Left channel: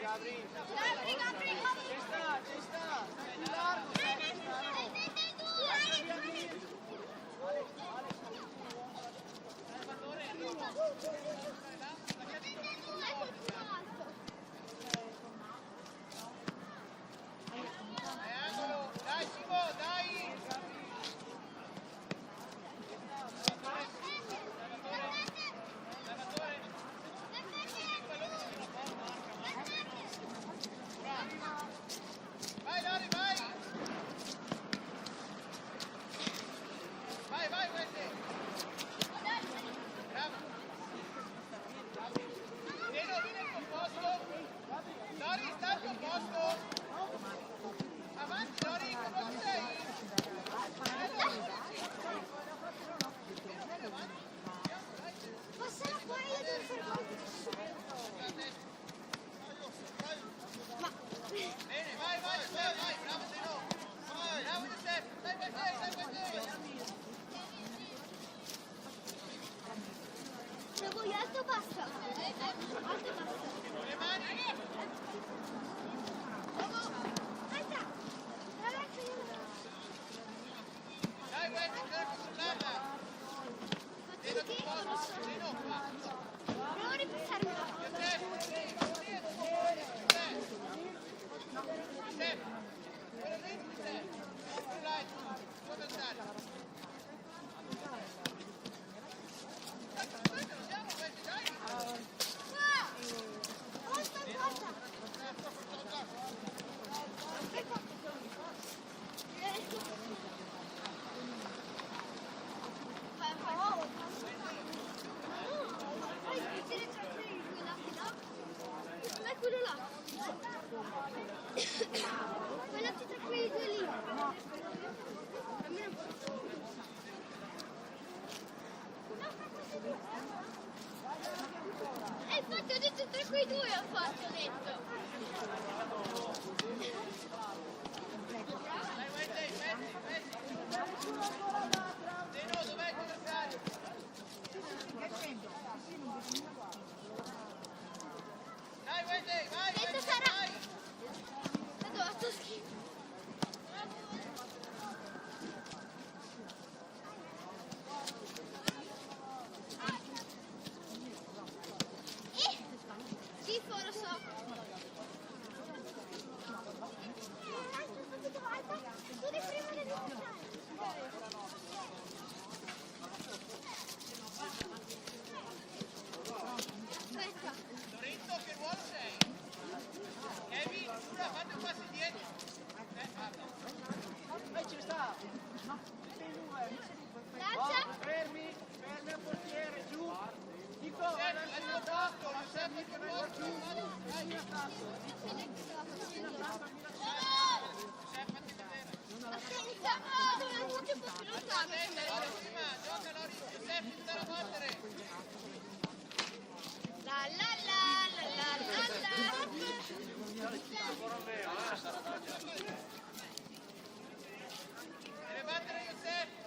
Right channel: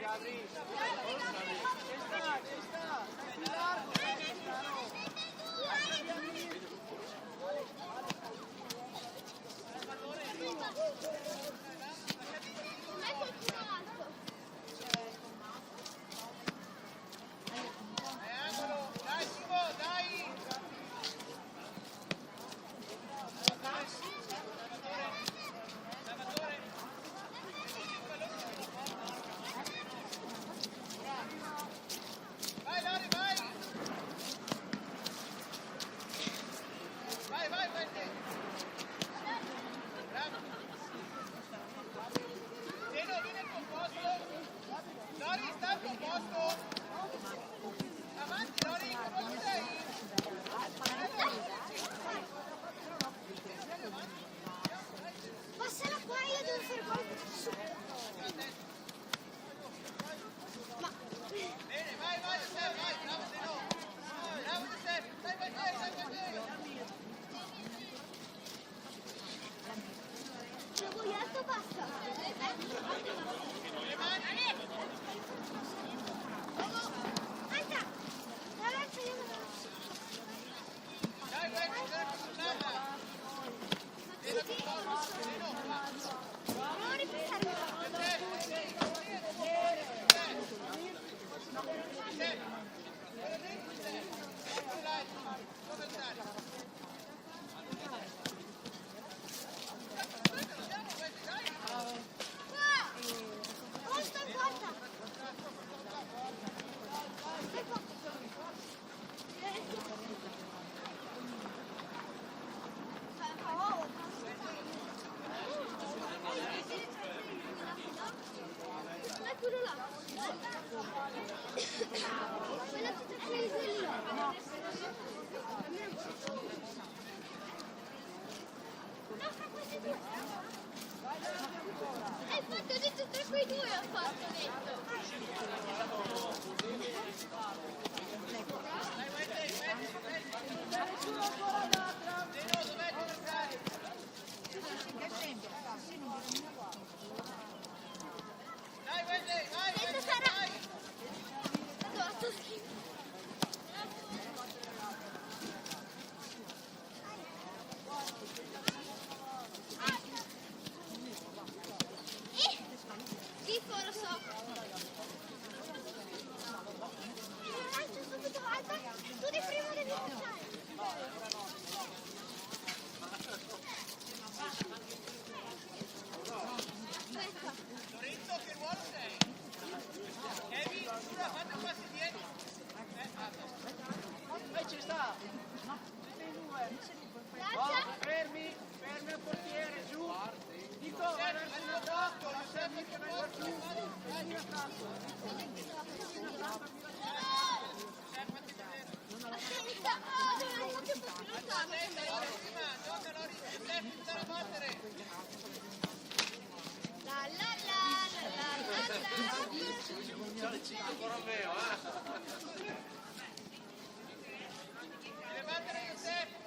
Gabri, ci sta, stai più largo, caro. Lascia via lì. Salvatore, lasciati angolo, dai Simo, dai! Salvatore, mettiti il pallone vicino a porta, vai Lori, vai! Vai, Wendy! Bravo! Zeno, vieni al tuo posto! Lori, sta al tuo posto! Avanti Lori, come sei? Bene, vai, Giuseppe, vai, bravo Zeno! Bravo Giuseppe, dai, basta. Le mani! Dai, Wendy, cerca di controllarla! Zeno, tu posto! Zeno, qua! Provo a ripassarmela. Giuseppe, quello dentro di te! Quello là è tuo avversario! Aspetta, lo diamo, Wendy, dai! Quello là. Quella tutta lì. No. Hai fatto di tutti quei due, ho fatto detto. Dai, Wendy! Zeno, dov'è il tuo avversario? Dai, Wendy, vai! Dentro sarà. Allora, sto schifo. Schifo, lo so. Tu di prima devi aspetta. Lorenzo, che ruolo sei? Kevin, Sura, fate un passo indietro. Ada. Ci sta. Lancia. Fermi al portiere, giù. Nico, vai verso l'attacco. Giuseppe, che ruolo giù. Vai in attacco. Giuseppe, fatti vedere. Attenta. Dove un po' più lontano. Attenta, Lori, prima. Gioca, Lori. Giuseppe, ti dà la battere. La la la la la la la. Deve battere Giuseppe.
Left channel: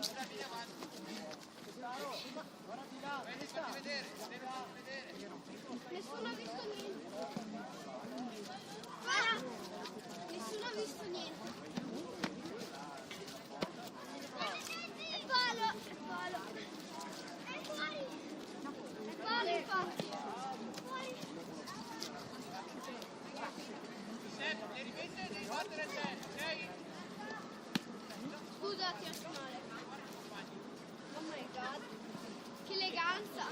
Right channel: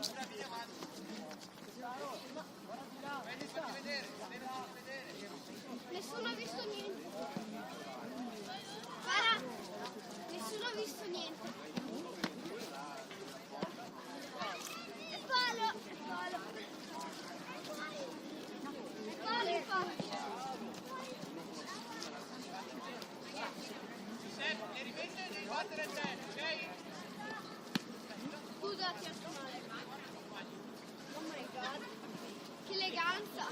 Ora vieni avanti. Vedi, fatti vedere. Nessuno ha visto niente. Nessuno ha visto niente. È palo. È palo infatti. Giuseppe, devi battere te, ok? Scusa, ti ho fatto male. Oh my god. Che eleganza.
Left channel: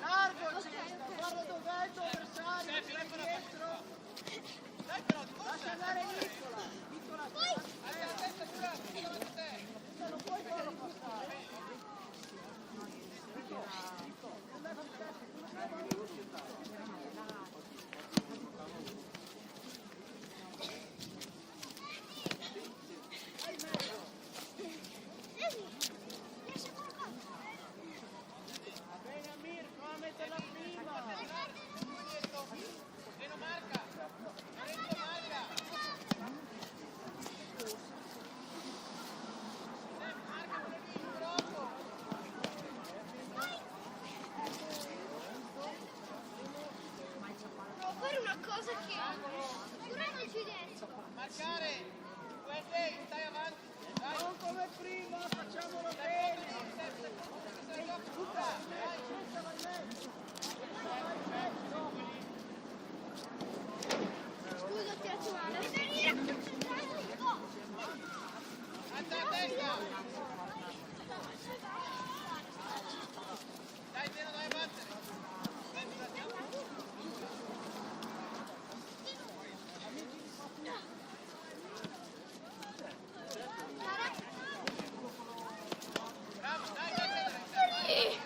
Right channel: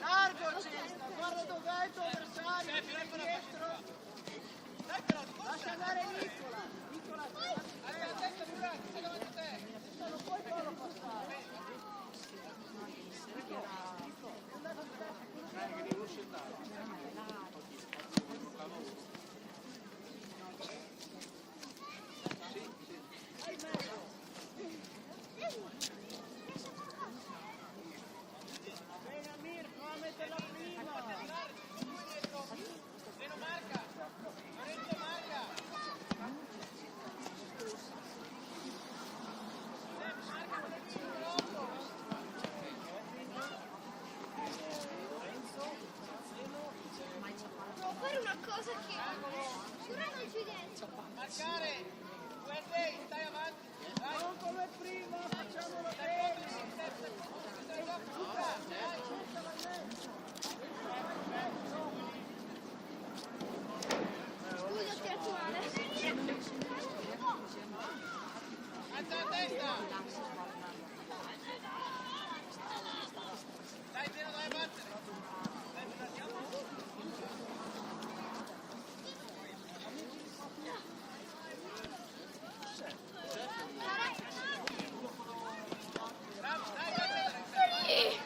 Largo, guarda dove è il tuo avversario, dietro. Dai però, di corsa. Lascia andare Nicola. Hai la testa pure, tutta davanti a te. Non puoi farlo passare. Nico, è andato di testa, quello che per la prima. Due dietro. Zeno marca. Lorenzo marca. Marca quello lì, numero 8. Devo fare una cosa che però non ci riesco. Marcare. Wednesday, stai avanti. Dai. Non come prima, facciamolo Stai bene. pronto, stai pronto, che se la gioca tutta. Dai. Questa va in mezzo. Scusa, ho tirato male. Alza la testa. Dai, Zeno, dai a battere. Dai, ci andiamo. Bravo, dai, dai, dai, dai,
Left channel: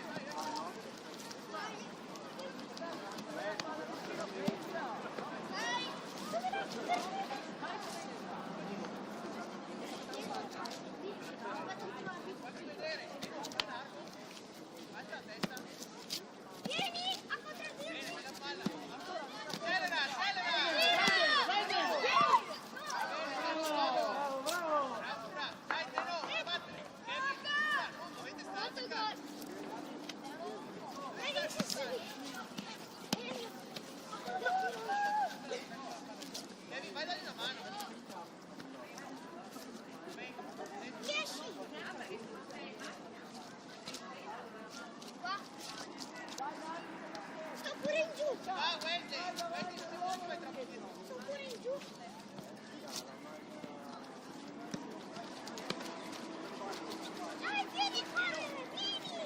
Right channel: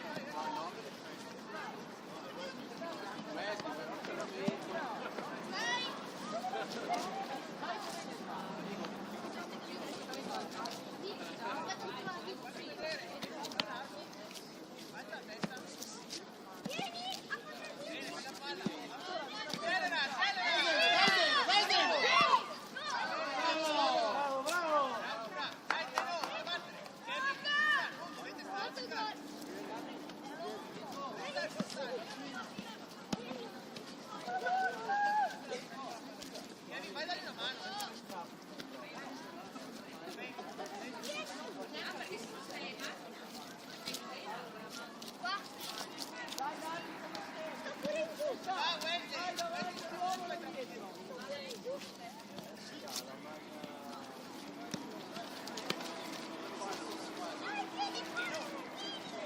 vai, vai, vai. La palla vicino, prendila. Facci vedere. Fa largo. Alza la testa. Bene, bella palla. Accelera, accelera. Bravo, bravo. Dai, Zeno, vai a battere. Kevin, Pura, non dovete stare attaccati. Dovete stare spostati. Kevin, vai a dargli una mano. Va, Wednesday, non fai troppo di nuovo.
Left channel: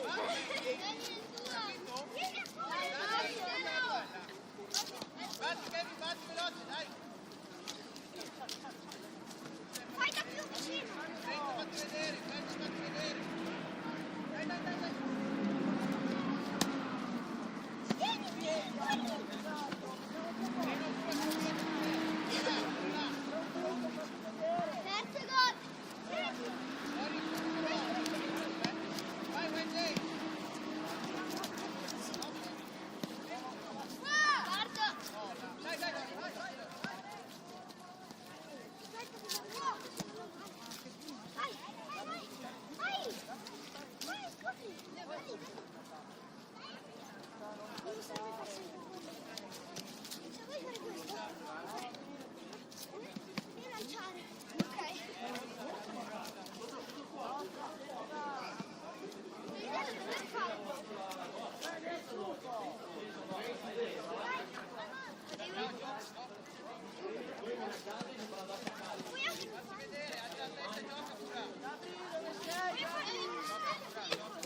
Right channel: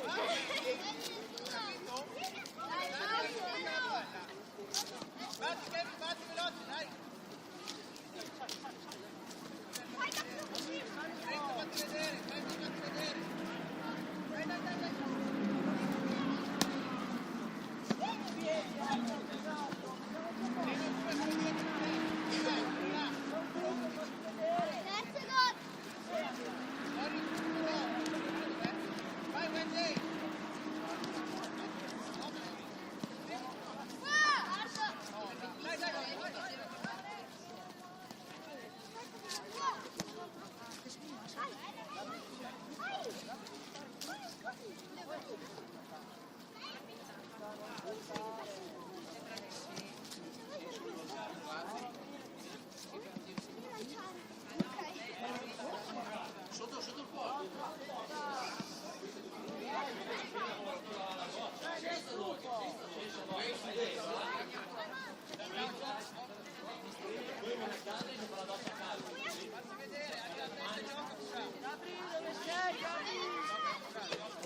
Va, Wednesday, capito? Dai, tocca la palla. Batti, Kevin, batti veloce, dai. Renzo, fatti vedere, Kevin, fatti vedere. Dai, dai, dai, dai. Zeno, due, dietro, là, là. Terzo gol. Lori, numero 8. Dov'è? Vai, Wednesday. No, Lori. No, là. Dai, dai, Lori, vai, vai, Lori, vai. Fatti vedere, alza la testa e gioca pure. Gabri, dove sei, Gabri? Gioca pure, gioca.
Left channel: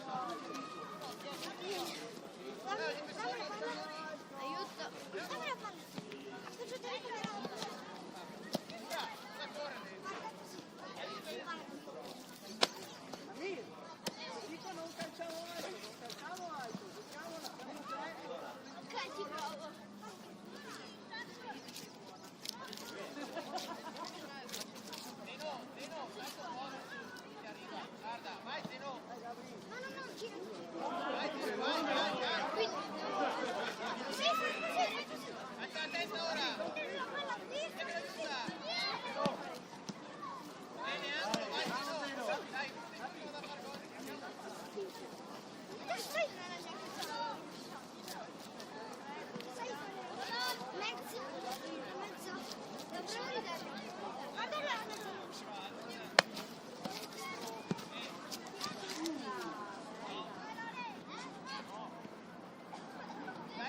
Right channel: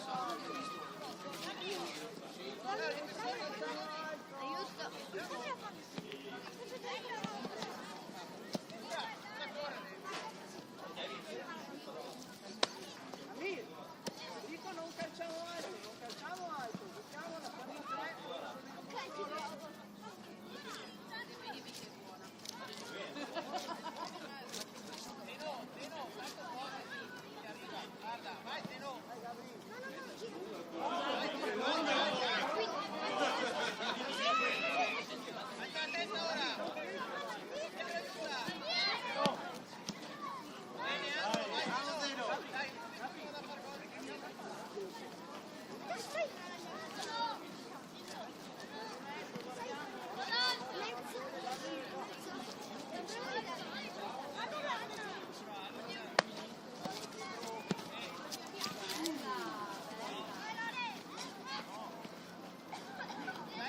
Fallo. Allora, difensori, Aiuto. Pura, da correre. Amir, dico non calciamo alto, giochiamo la famiglia 3. Zeno, tanto posi, ti arriva. Guarda, vai Zeno. Vai Gabri. Vai Zeno, vai, vai, vai. Alza la testa ora. E che lo aiuta. Bene, angolo, vai Zeno. Dai, uno di voi va da far gol. Dai,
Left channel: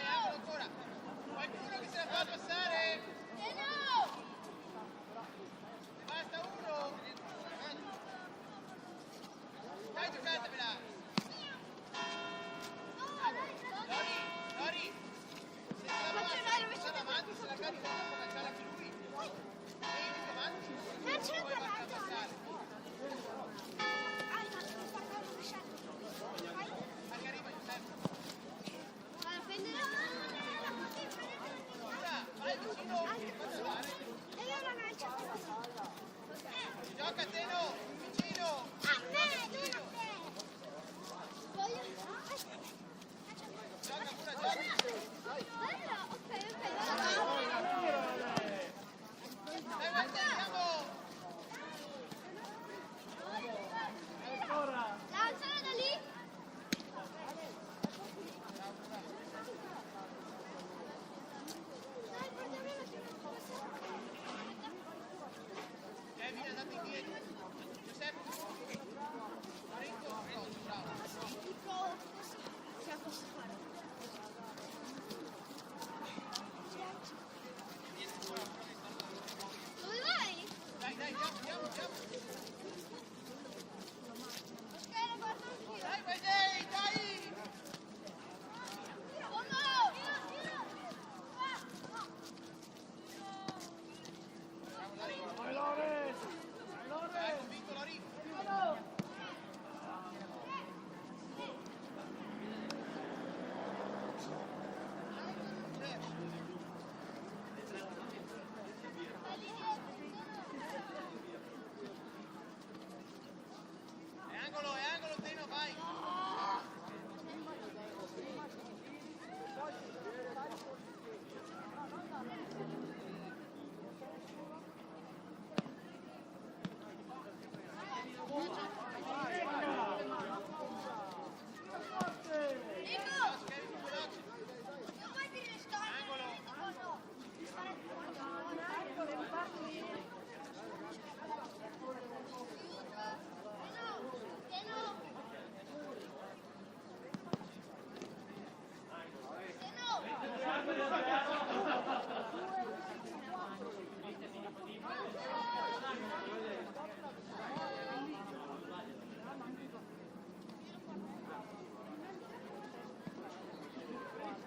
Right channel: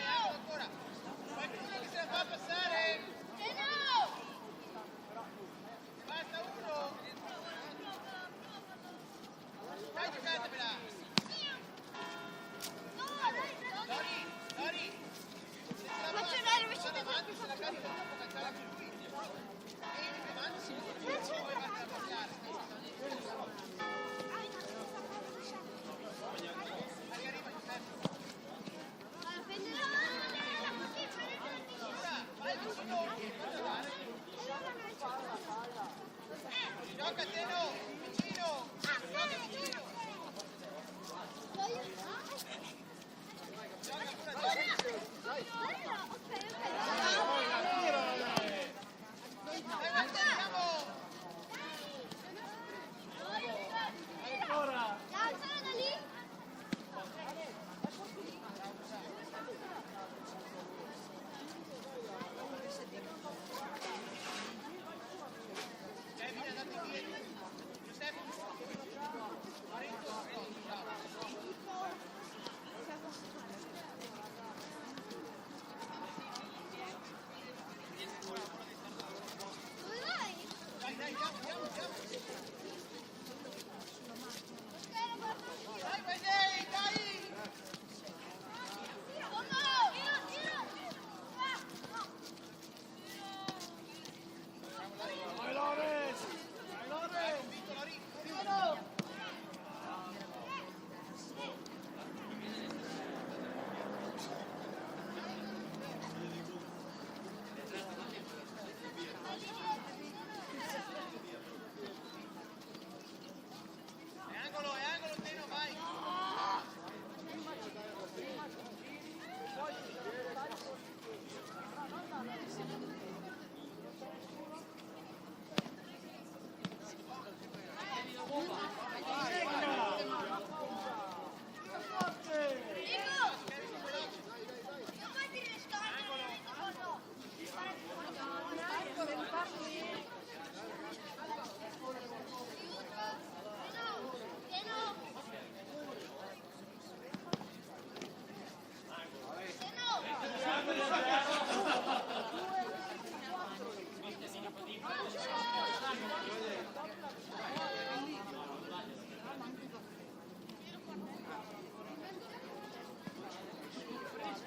angolo ancora. Qualcuno che se la fa passare. Ne basta uno. Dai, giocatevela. Lori, Lori. Se la passa avanti, se la cazzo dopo calciare anche lui. E io dico avanti, poi fartela passare. Anche arriva Giuseppe. Allora, prendere Teno, fatti andare. Gioca Teno, vicino, gioca vicino. Gioca pure, gioca. Bello, ok, allora. Dai, guarda, andiamo. Alzala da lì. Bravo, bravo. Kevin è andato indietro. Giuseppe, Lorenzo, bravo. Dove vai? Dai, andiamo. Ok, lo guardo anch'io. Dai, Wednesday, dai! Oh no! Bravo, Lorenzo. Dai, convinto, Lorenzo. È angolo, Teno, vai!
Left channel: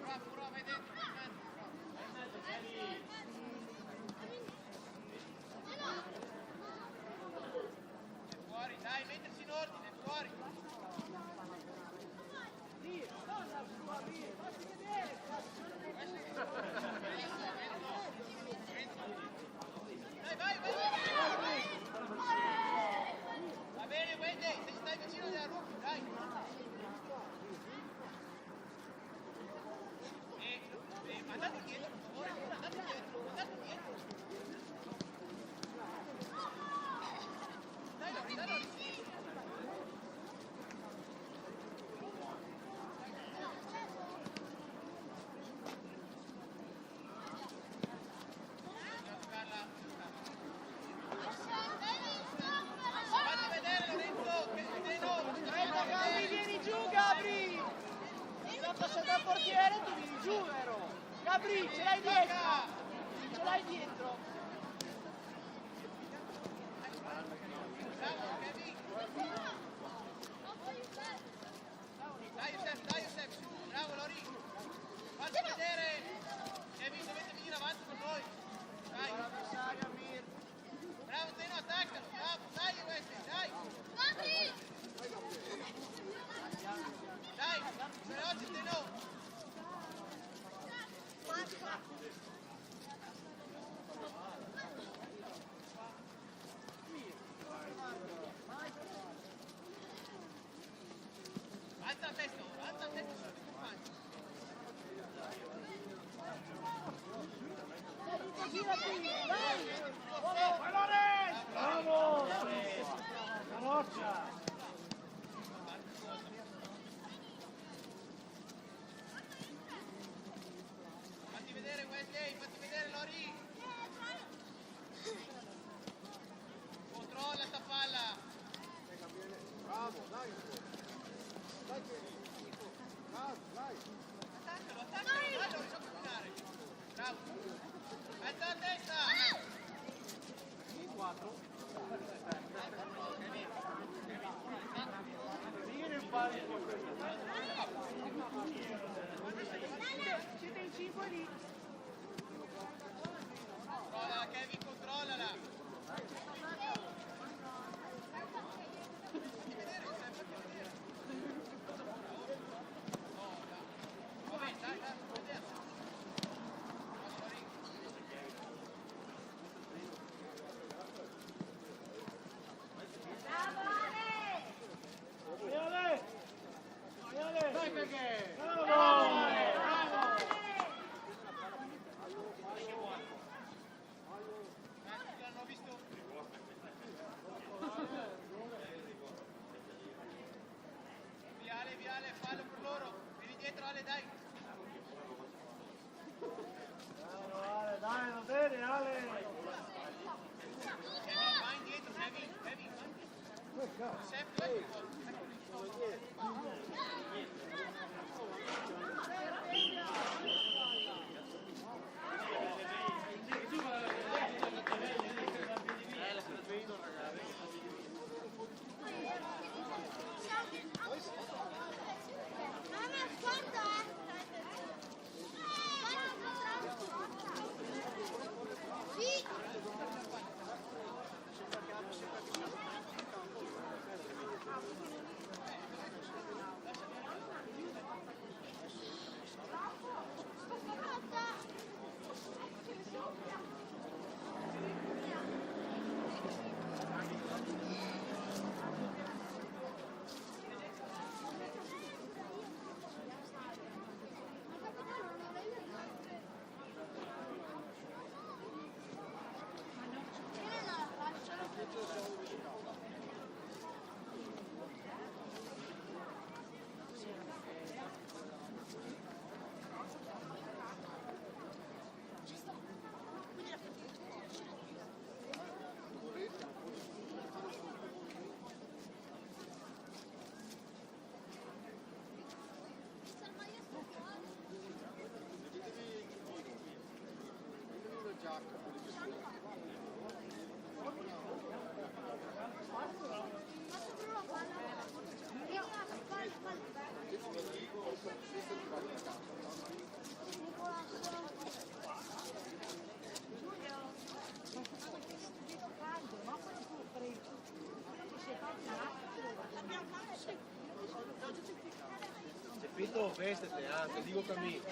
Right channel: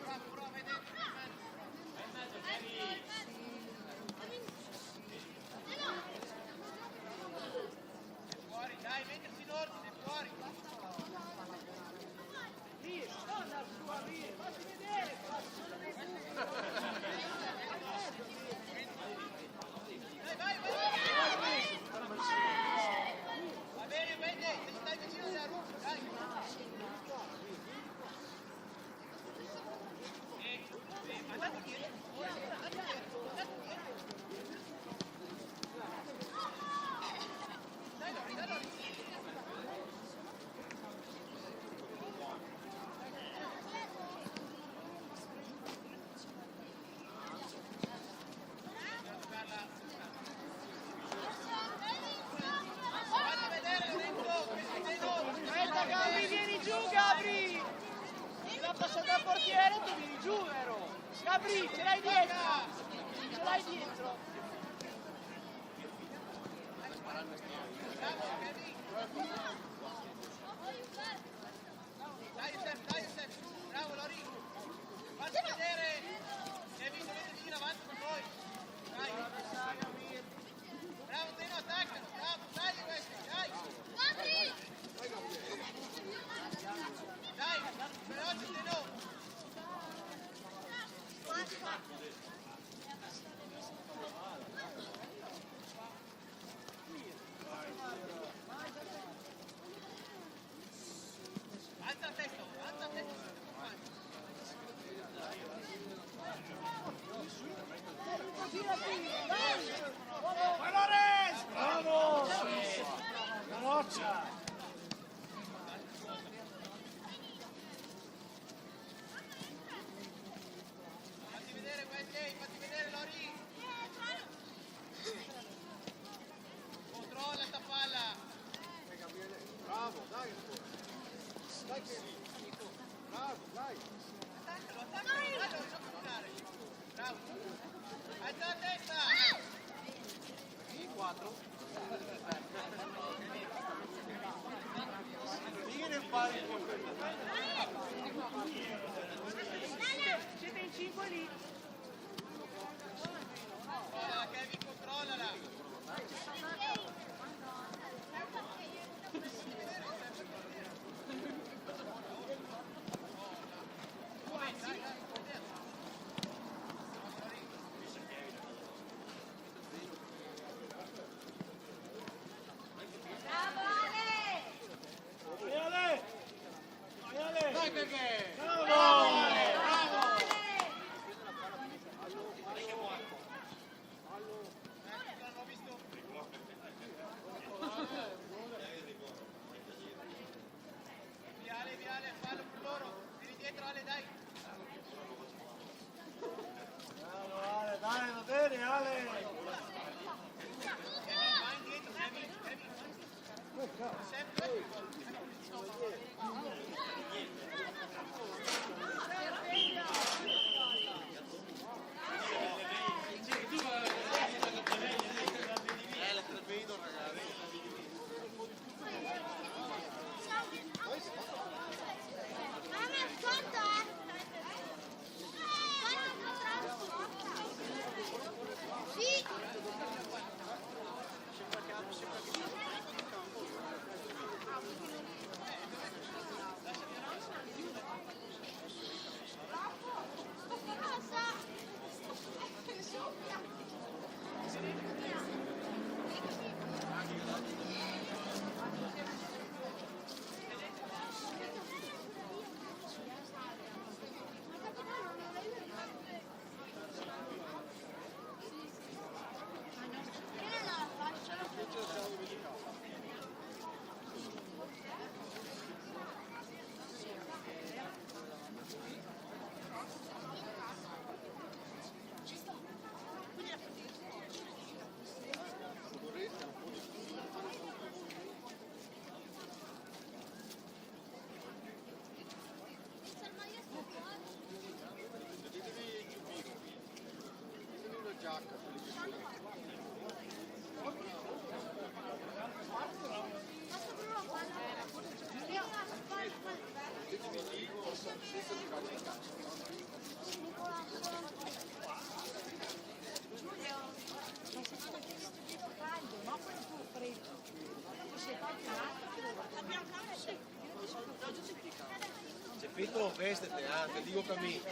Bravo, vai dentro, vai in mezzo, È fuori, dai, mettersi in ordine, è fuori. Dai, vai. Va bene, Wendy, se stai vicino della Ruffi, dai. Andate dietro, per favore, andate dietro. Dai, Lori. Fatti vedere, Lorenzo, che sei Guarda, Gabri, vieni giù, Gabri! La passata al portiere, tu vieni giù, vero? Gabri, ce l'hai dietro! Bravo, Kevin. Dai, Giuseppe, su. Bravo, Lori. Fatti vedere. Kevin, dovete venire avanti con noi. Dai. Bravo, Teno, attaccalo. Bravo, dai, Wesley, dai. Dai, veloce, Teno. Alza la testa ora, alza la testa sui tuoi compagni. Girati, vai! Fatti vedere, Wesley, fatti vedere, Lori. Controlla sta palla. Attaccalo, dai, Lori, non camminare. Bravo. Alza la testa. Siete in 5 lì. Controllala, Kevin, controllala. Fatti vedere, fatti vedere. Ora. Va bene, dai, fatti vedere. indietro, Ale, dai. Dai, va bene, Ale. Kevin, vai indietro, Kevin, vai indietro. Sempre, Mamma, ascolta! Sì! Cepito, vestete, te digo que a mí.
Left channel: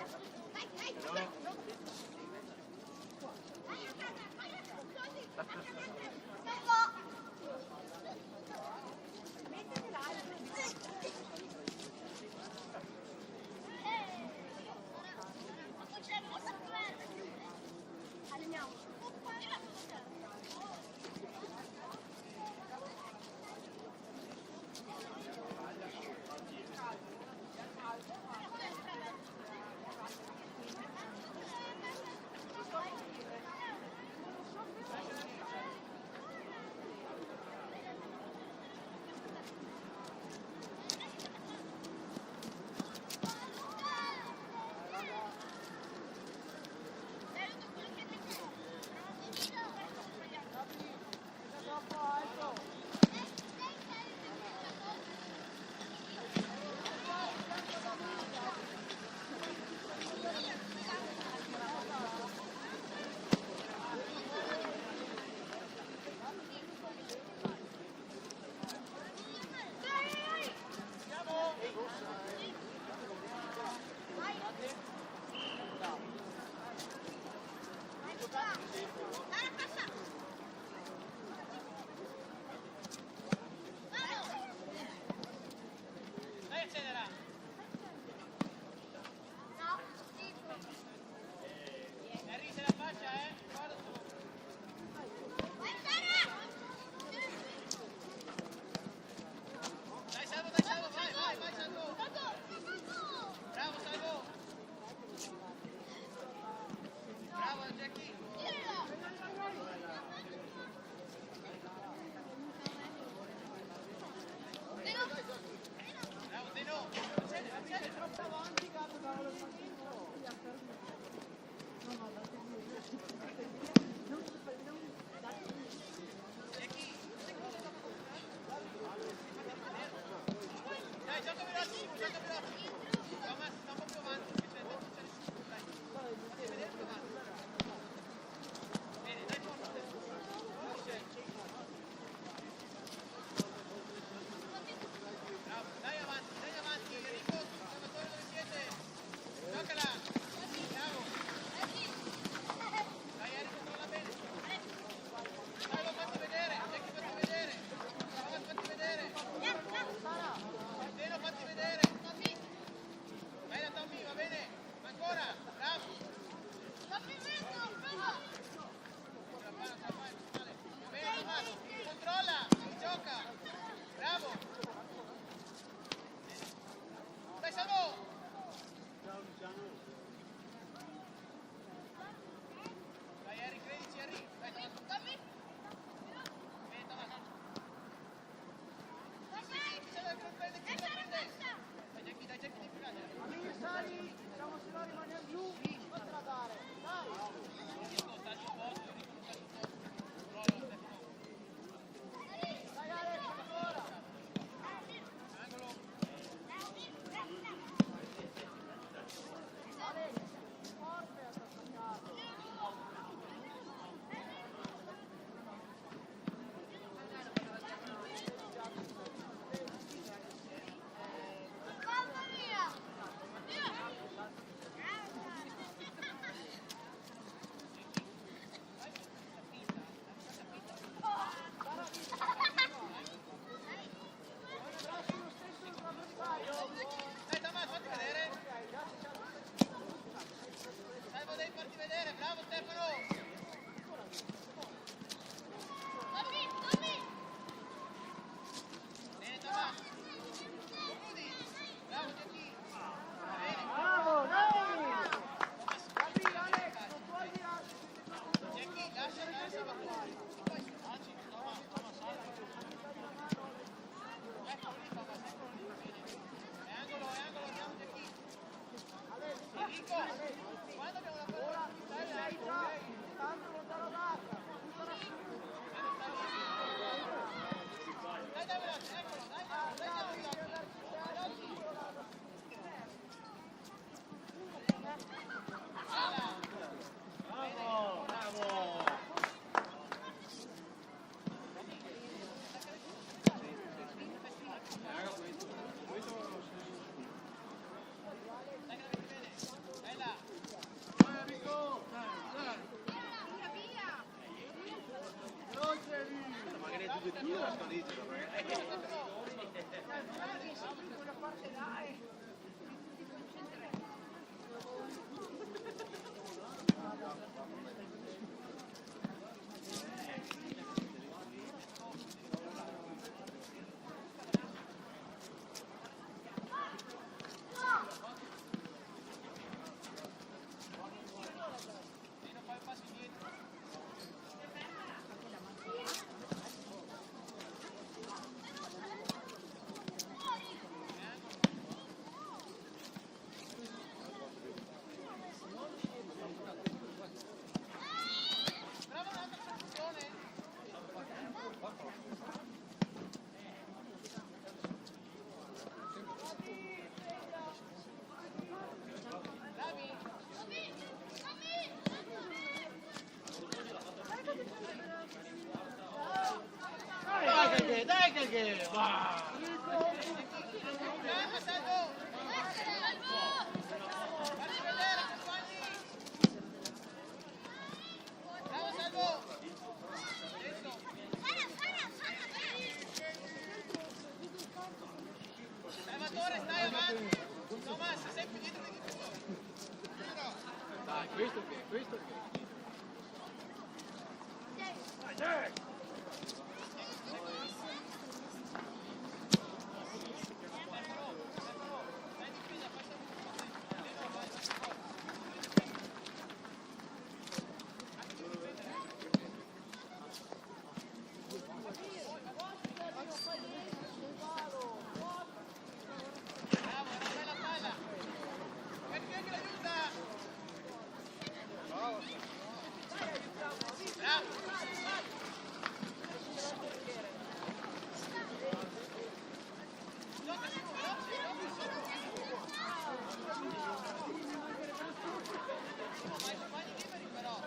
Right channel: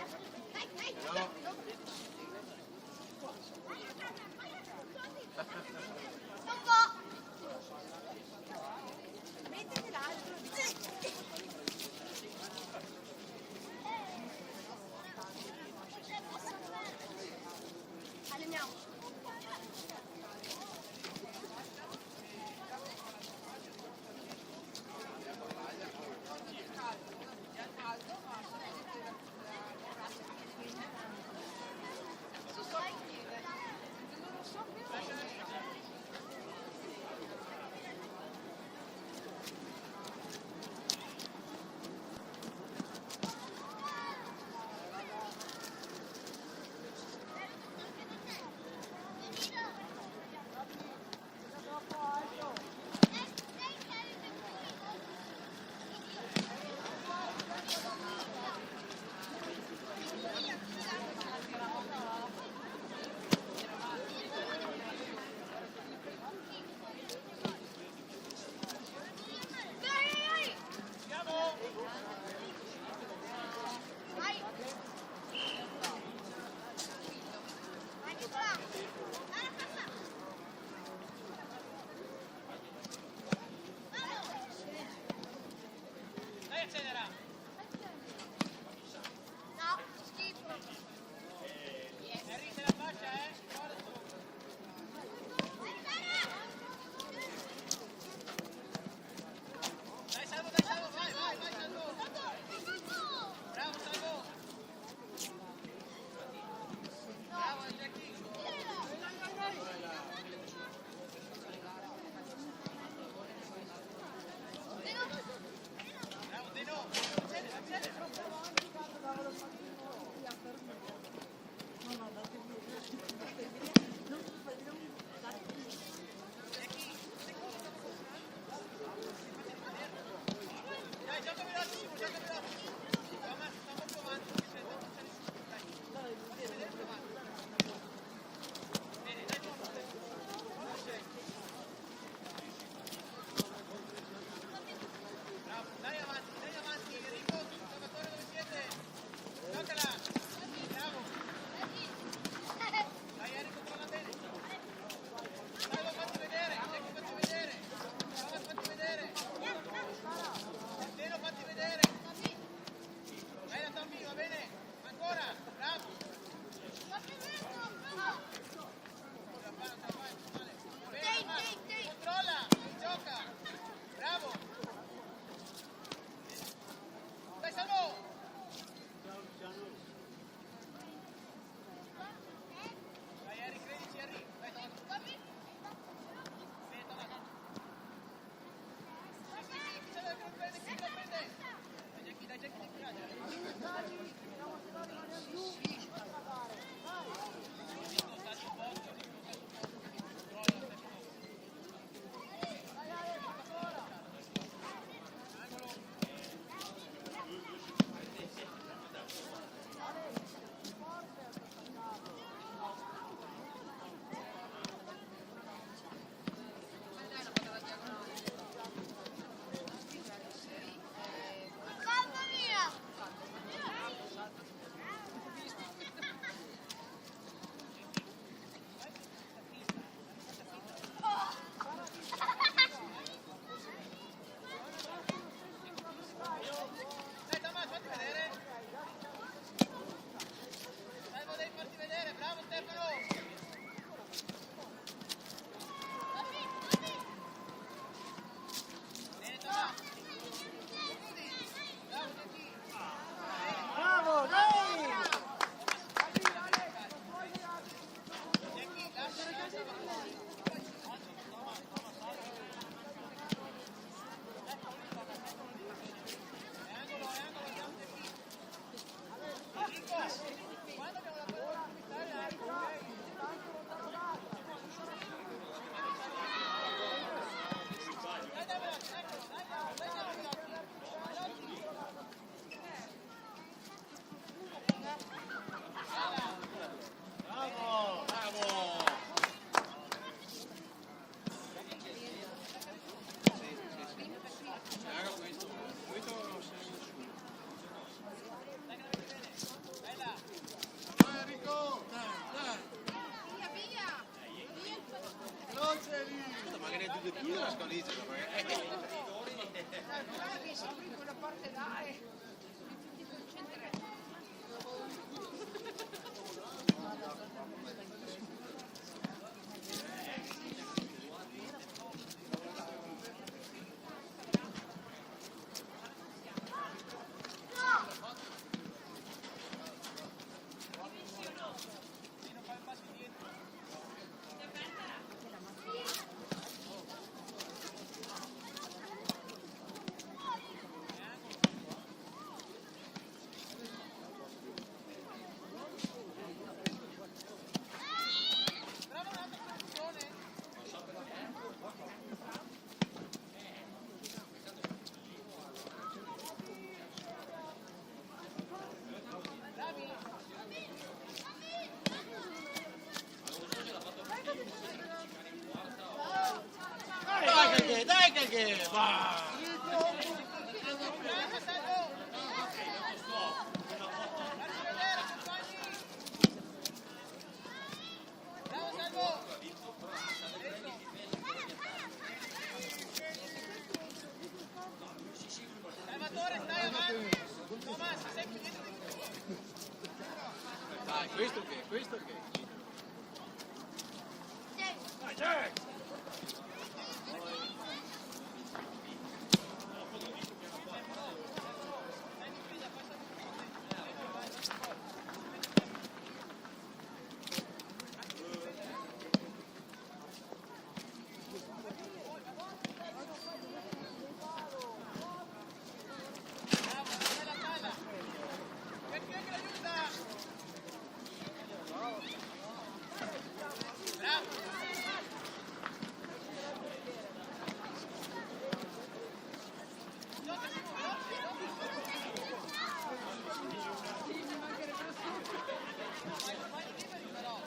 No. Dai, accelera. Henry, se la faccia, guarda su. Dai, Salvo, vai, Salvo. Bravo, Salvo. Bravo, Jackie. Bravo, Deno. Accelera. Dai, gioca velocissimo. Thomas, sta un po' più avanti, che se tanto c'è nessuno. Dai, fatti vedere più avanti. Bene, dai, forza. Bravo, dai avanti, Enrico, Salvatore, dove siete? Bene Tommaso. Rudi. Bravo Giacchi. Bene. Bravo, dai! Tommaso, la mette in calcio. Giacchi, lascia andare Salvatore. Oggi, Thomas, salvi. Eccolo lì, Thomas, eccolo lì. Bene. È angolo, andiamo Giacchi. Enrico, quando abbiamo la palla devi stare alto, ok? Dai veloce, eccolo, dai veloci. Veloci. Bella. Bene, dai che la metti bene. Bella. Nino, fai un passo indietro. Brava un'altra soluzione. Bravi. Dai che va! Con calma, Salvo. Farci vedere, compagni. Bravo, Salvo. Adesso. Salvatore, stai avanti. Thomas, sei più dietro dei difensori. Dai, questo che? Dai, Jack! Eccolo. Stai in difesa, poi stai più potente. Leno, dai, vai forte. Anche tu difendere. Bravo, era una bella palla. Perché che l'aiuta? Bravo. Gioca Simo, veloce. Simo, ma i compagni liberi però.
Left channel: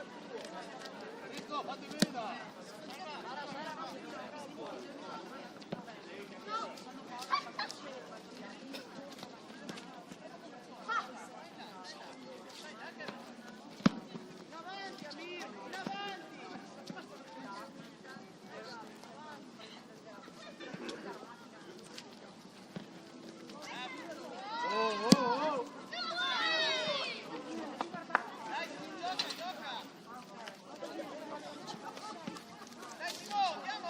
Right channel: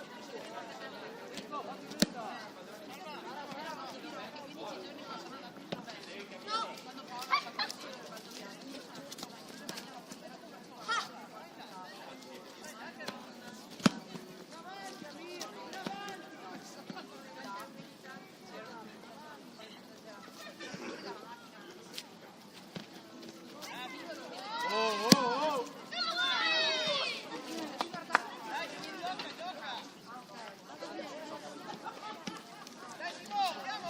Dai, Simo, gioca. Dai, Simo, andiamo.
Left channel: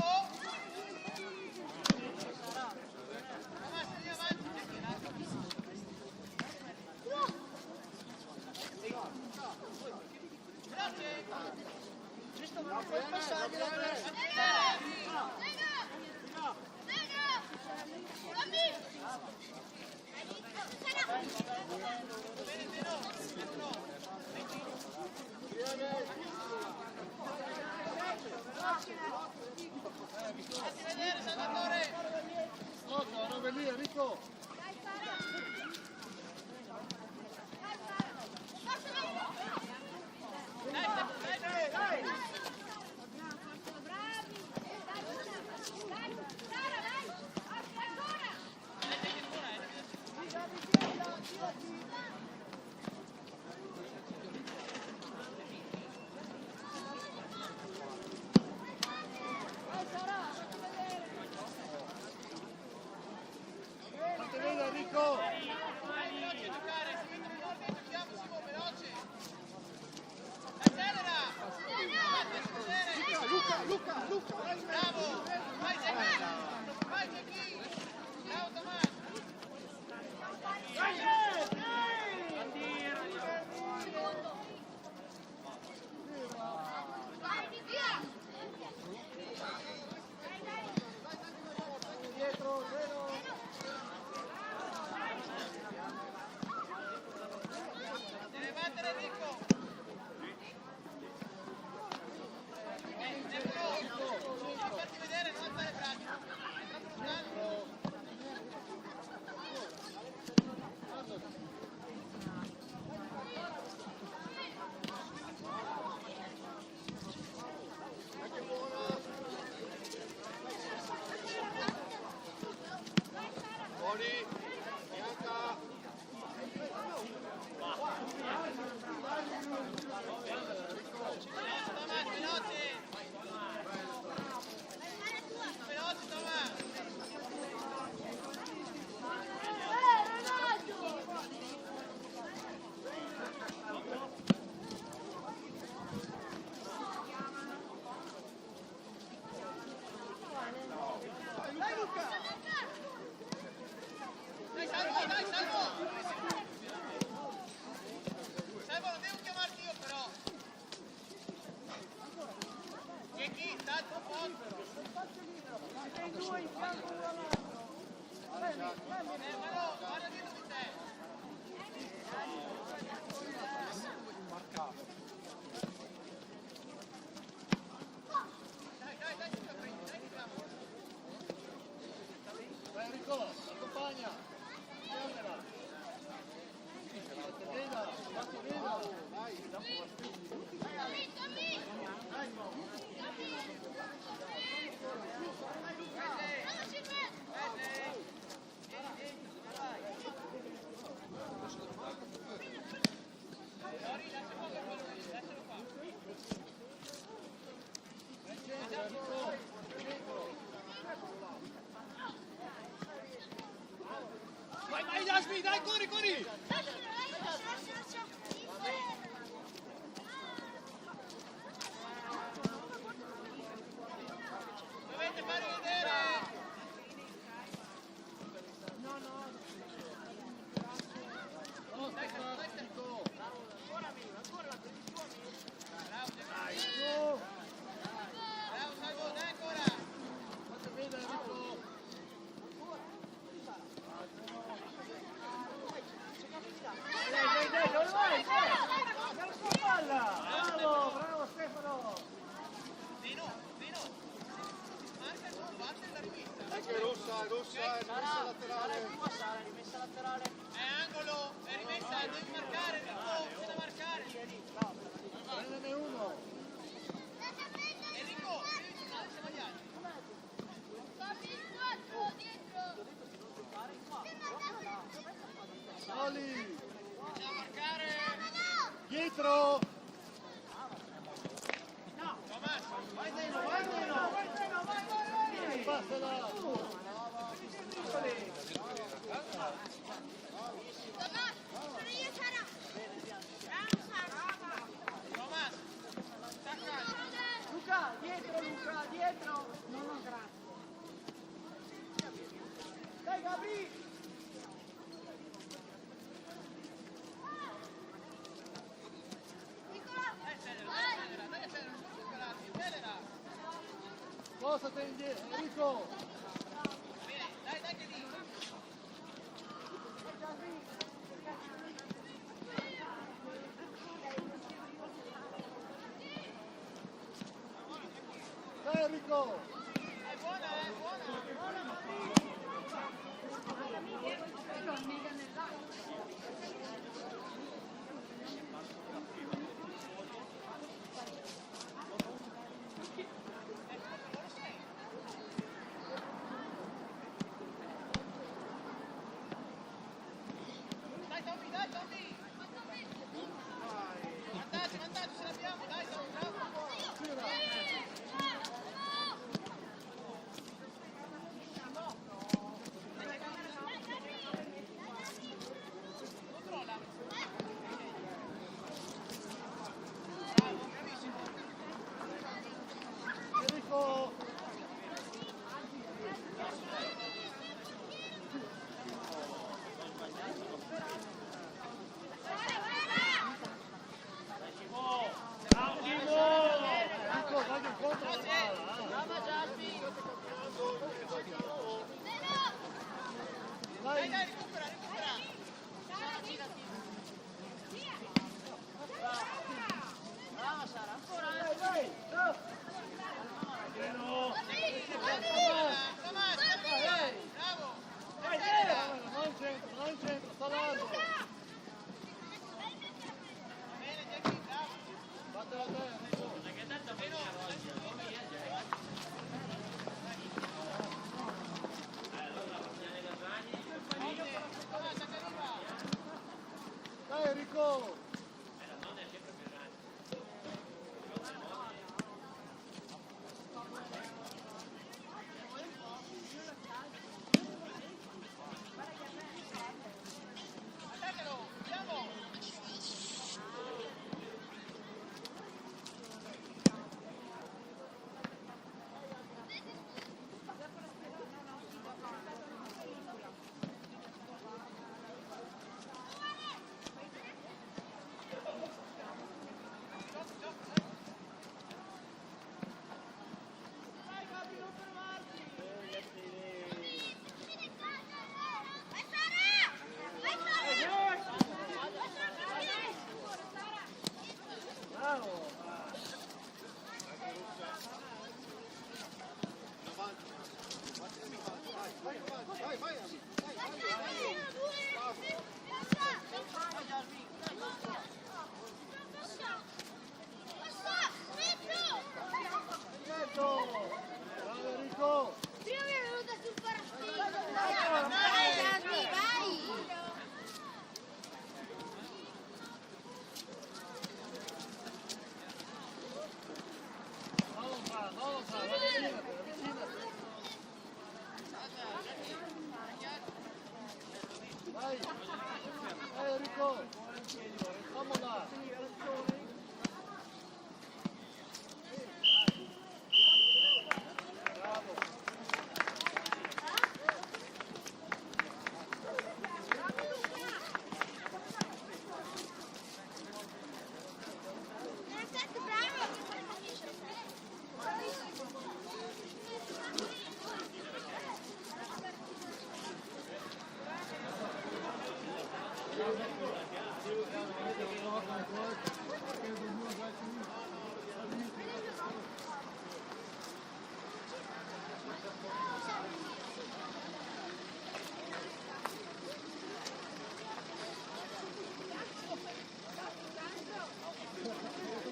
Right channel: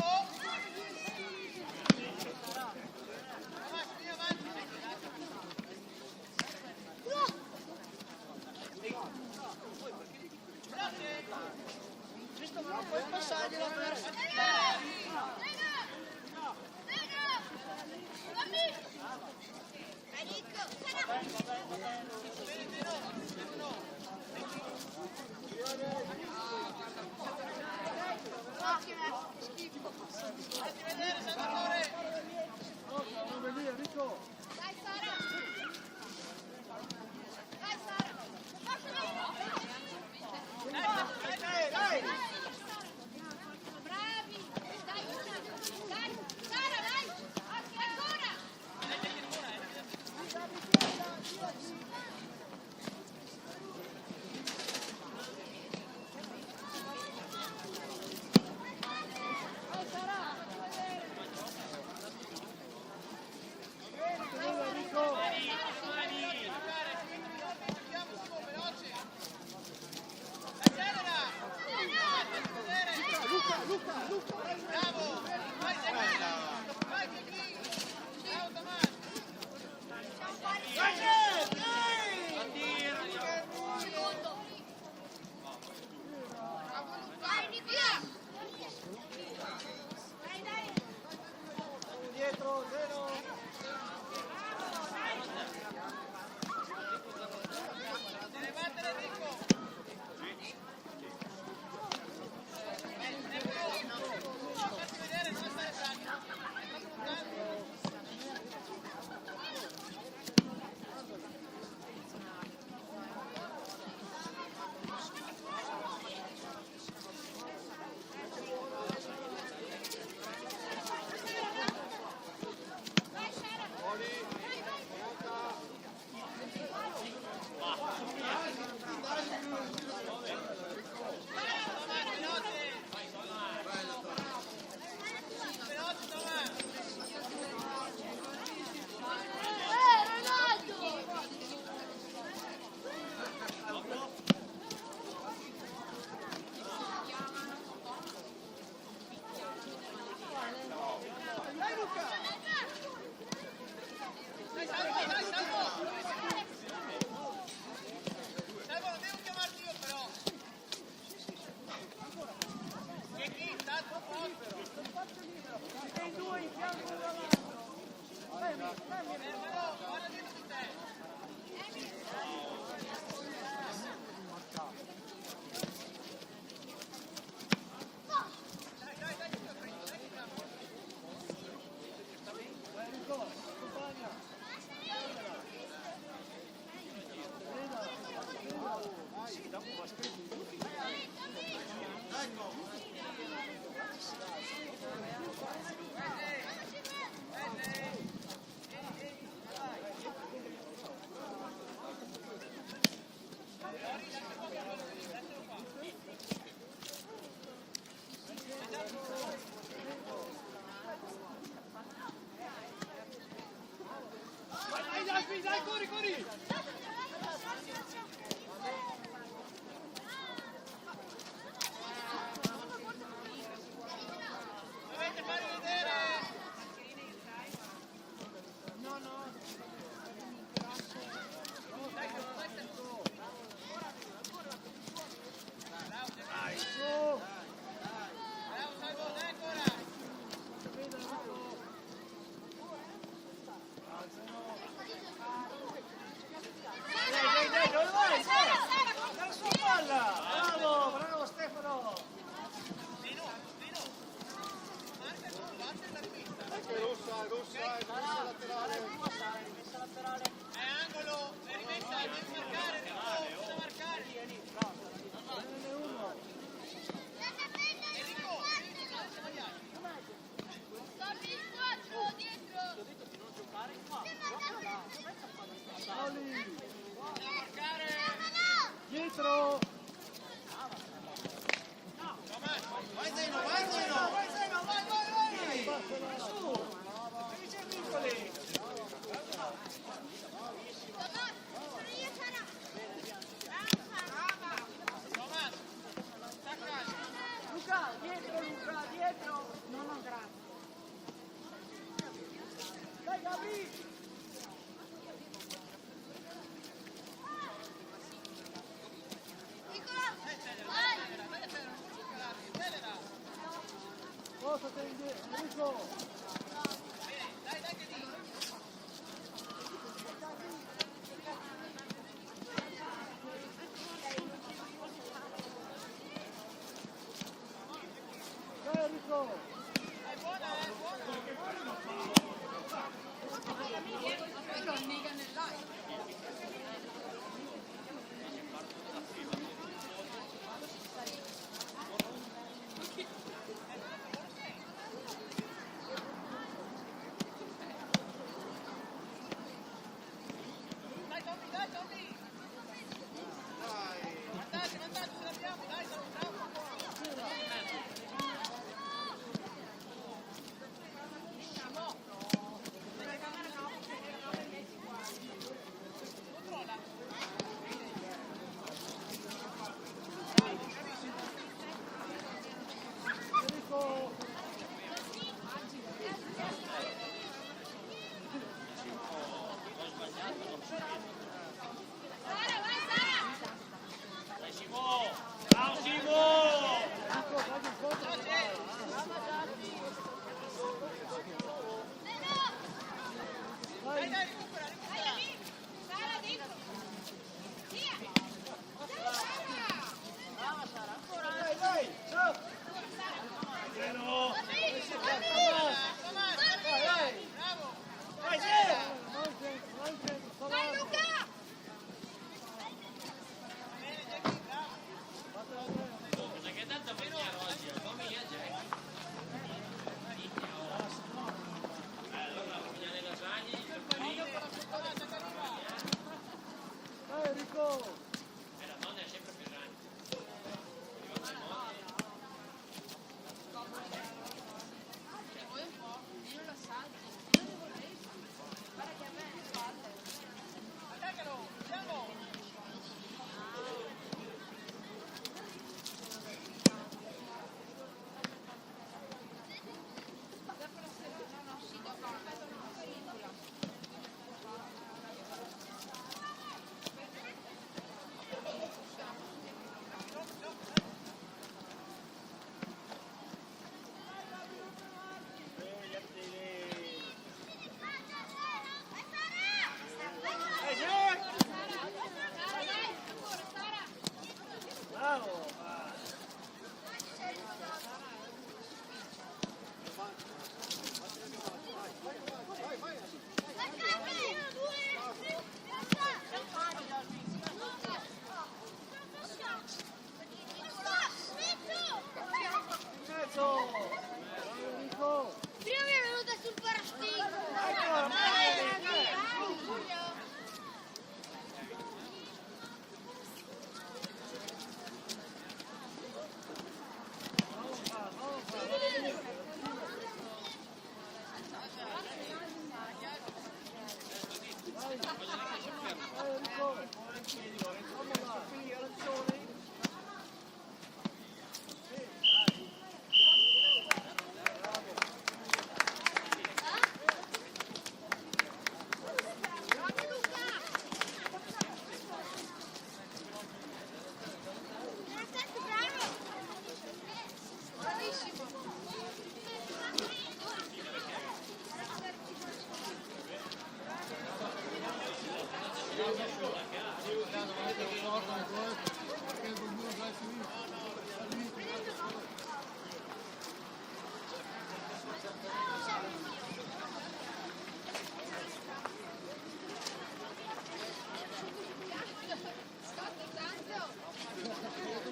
Thomas, vieni avanti. Veloce. Non puoi passargli la testa. Bene, Nino. Stefano. Fatti vedere, Salvatore. Robe lì, Enrico! Dai, dai. Mettiti ancora, Vai Sara, fatti vedere. Enrico! Luca, vai in Bravo! Vai Giacchi! Vai Giacchi! Bravo Tommaso! dietro, vero? Deve battere Enrico! Stefano! Devi farti vedere, non alzare il braccio! È troppo lontano! Veloce Tommaso! Dai Luca! Dai Salvo, dai Salvo! Salvo, non devo chiamarti io però! Che chi? Sta al tuo posto! Spazio libero, siete in due in fianco uno all'altro. Fermalo, guarda dietro di te! Dai, che te lo prendi, dai, diciamo! Lori, lascia qua che quello lì, lascialo qua. Dai, Jasmine, dai, corri! Dovete farvi vedere! Dai, Stefano! Bravo, bravo, Salvo, dai ancora! Dai, non vai! Nella sua palla! Bravo Stefano! Dino! Marca tu, batte la rivista! Anche Rossa, laterale. Rimessa laterale. È angolo, è rimessa, devi marcare, Enrico, c'è da marcare! Enrico, devi tornare insieme agli altri! Bisogna marcare! Dietro. Tommaso! Tommaso! Stacca! Luca, dietro! Dai Gabri! Accelera, non puoi scalarti, accelera! Cosa te indietro? Enrico. Bene, dai che lì! Dai, Enrico. È buona! Dai Tommy! Vantaggio, ce l'abbiamo, dai, siamo bravo! Controlla! Bravo, bravissimo! veloce! Dai, dai, recupera, recupera! Brava Sara, ancora. Dai, ciao. Tommaso, bravo! Dai, Non c'entra, sta avanti. va bene, Jackie, bravo! Tommaso, che arriva! Dai Enrico. Attaccalo, andiamo! Enrico. Prima mi è venuta sul parassino. tornare! Dai Enrico. Vamos là. Perfetto, bravo. Bravissimo.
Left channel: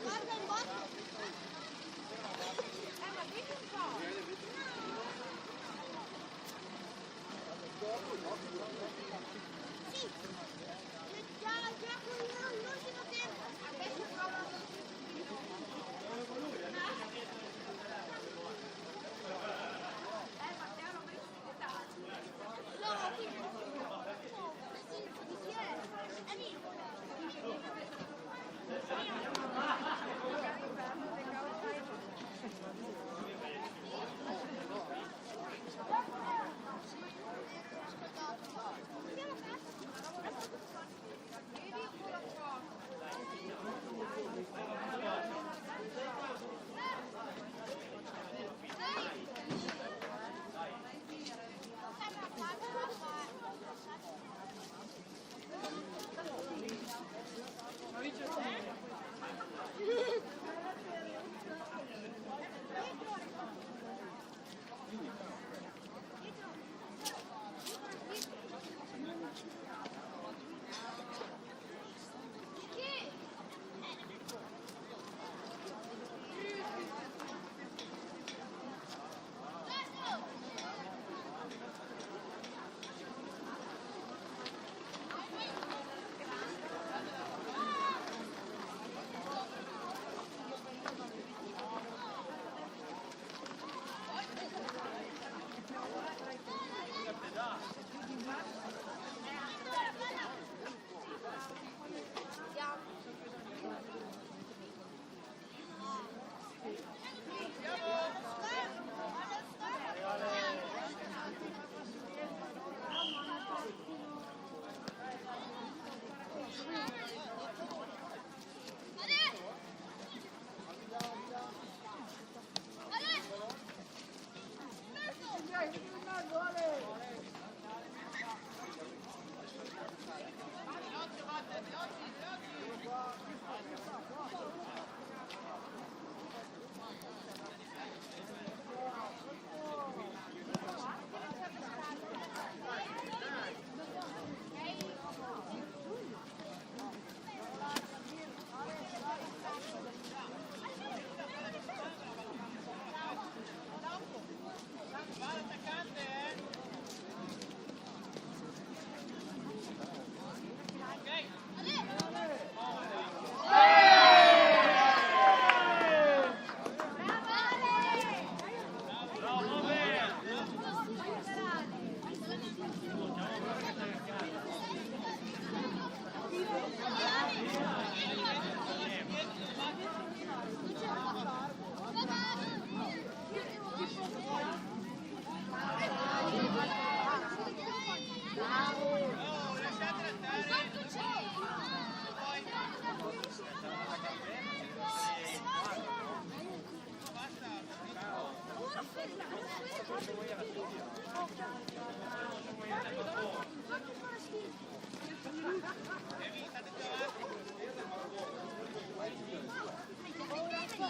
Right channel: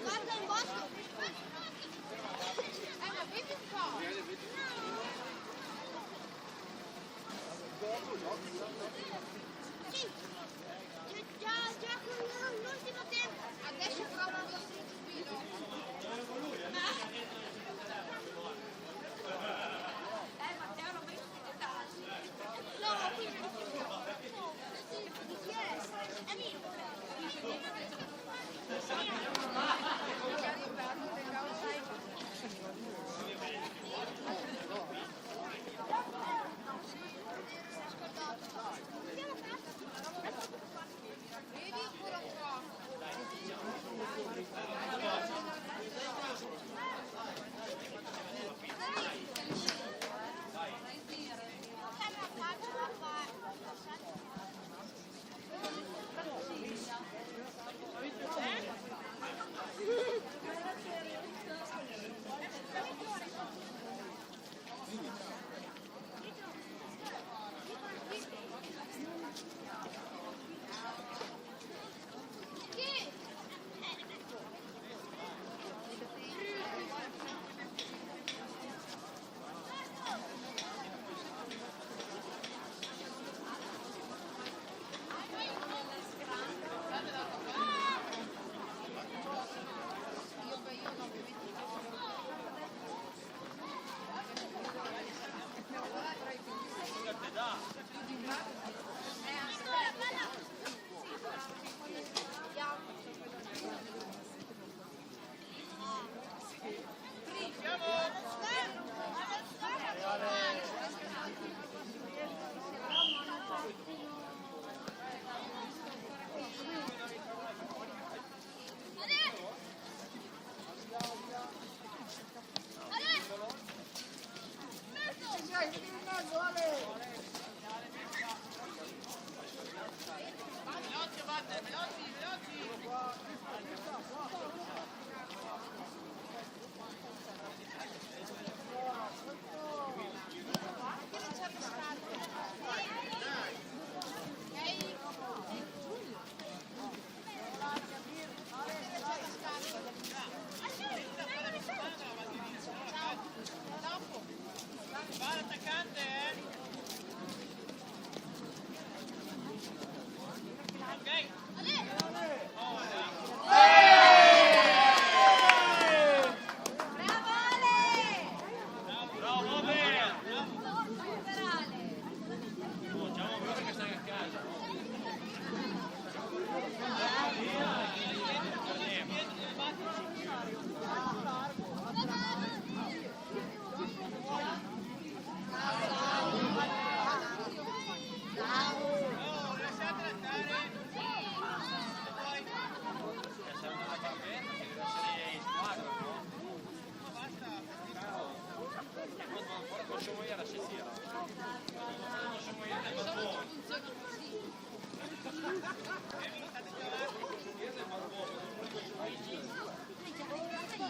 Guarda il bosco. Sì. Già con l'ultimo tempo. Adesso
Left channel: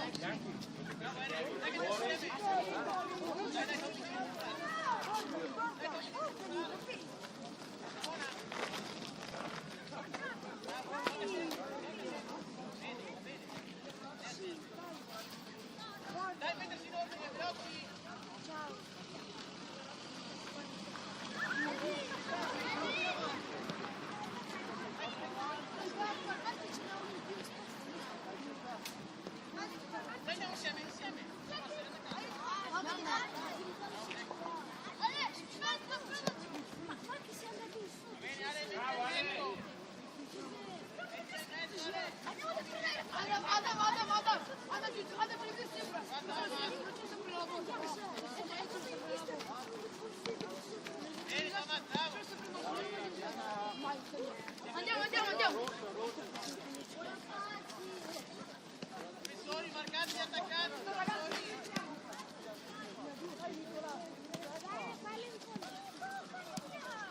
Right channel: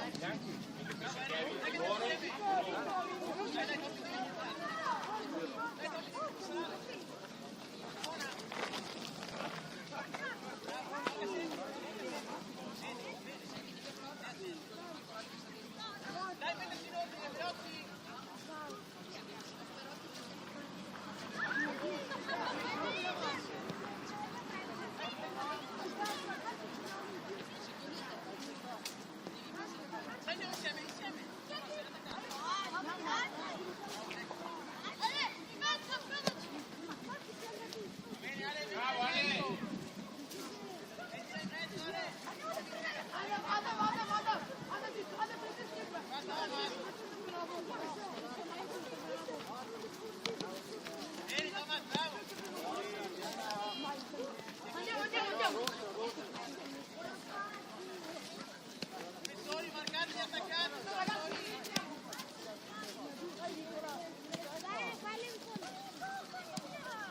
Bravo Eric, dai che andiamo insieme. Dai, Tommy, devi entrare. Dai, Tommy, devi entrare. Buona. Bravo, tocca sempre. Vedi, va bene. Stai attento. Dai, mettersi in ordine, veloci. Dai, andiamo insieme, insieme. No, sei attaccato. Va bene, Ale, metti in mezzo. Metti in mezzo, Ale. Guarda, Omar. Bene, Tomás, bravo. Difensori, marcati gli attaccanti, difensori.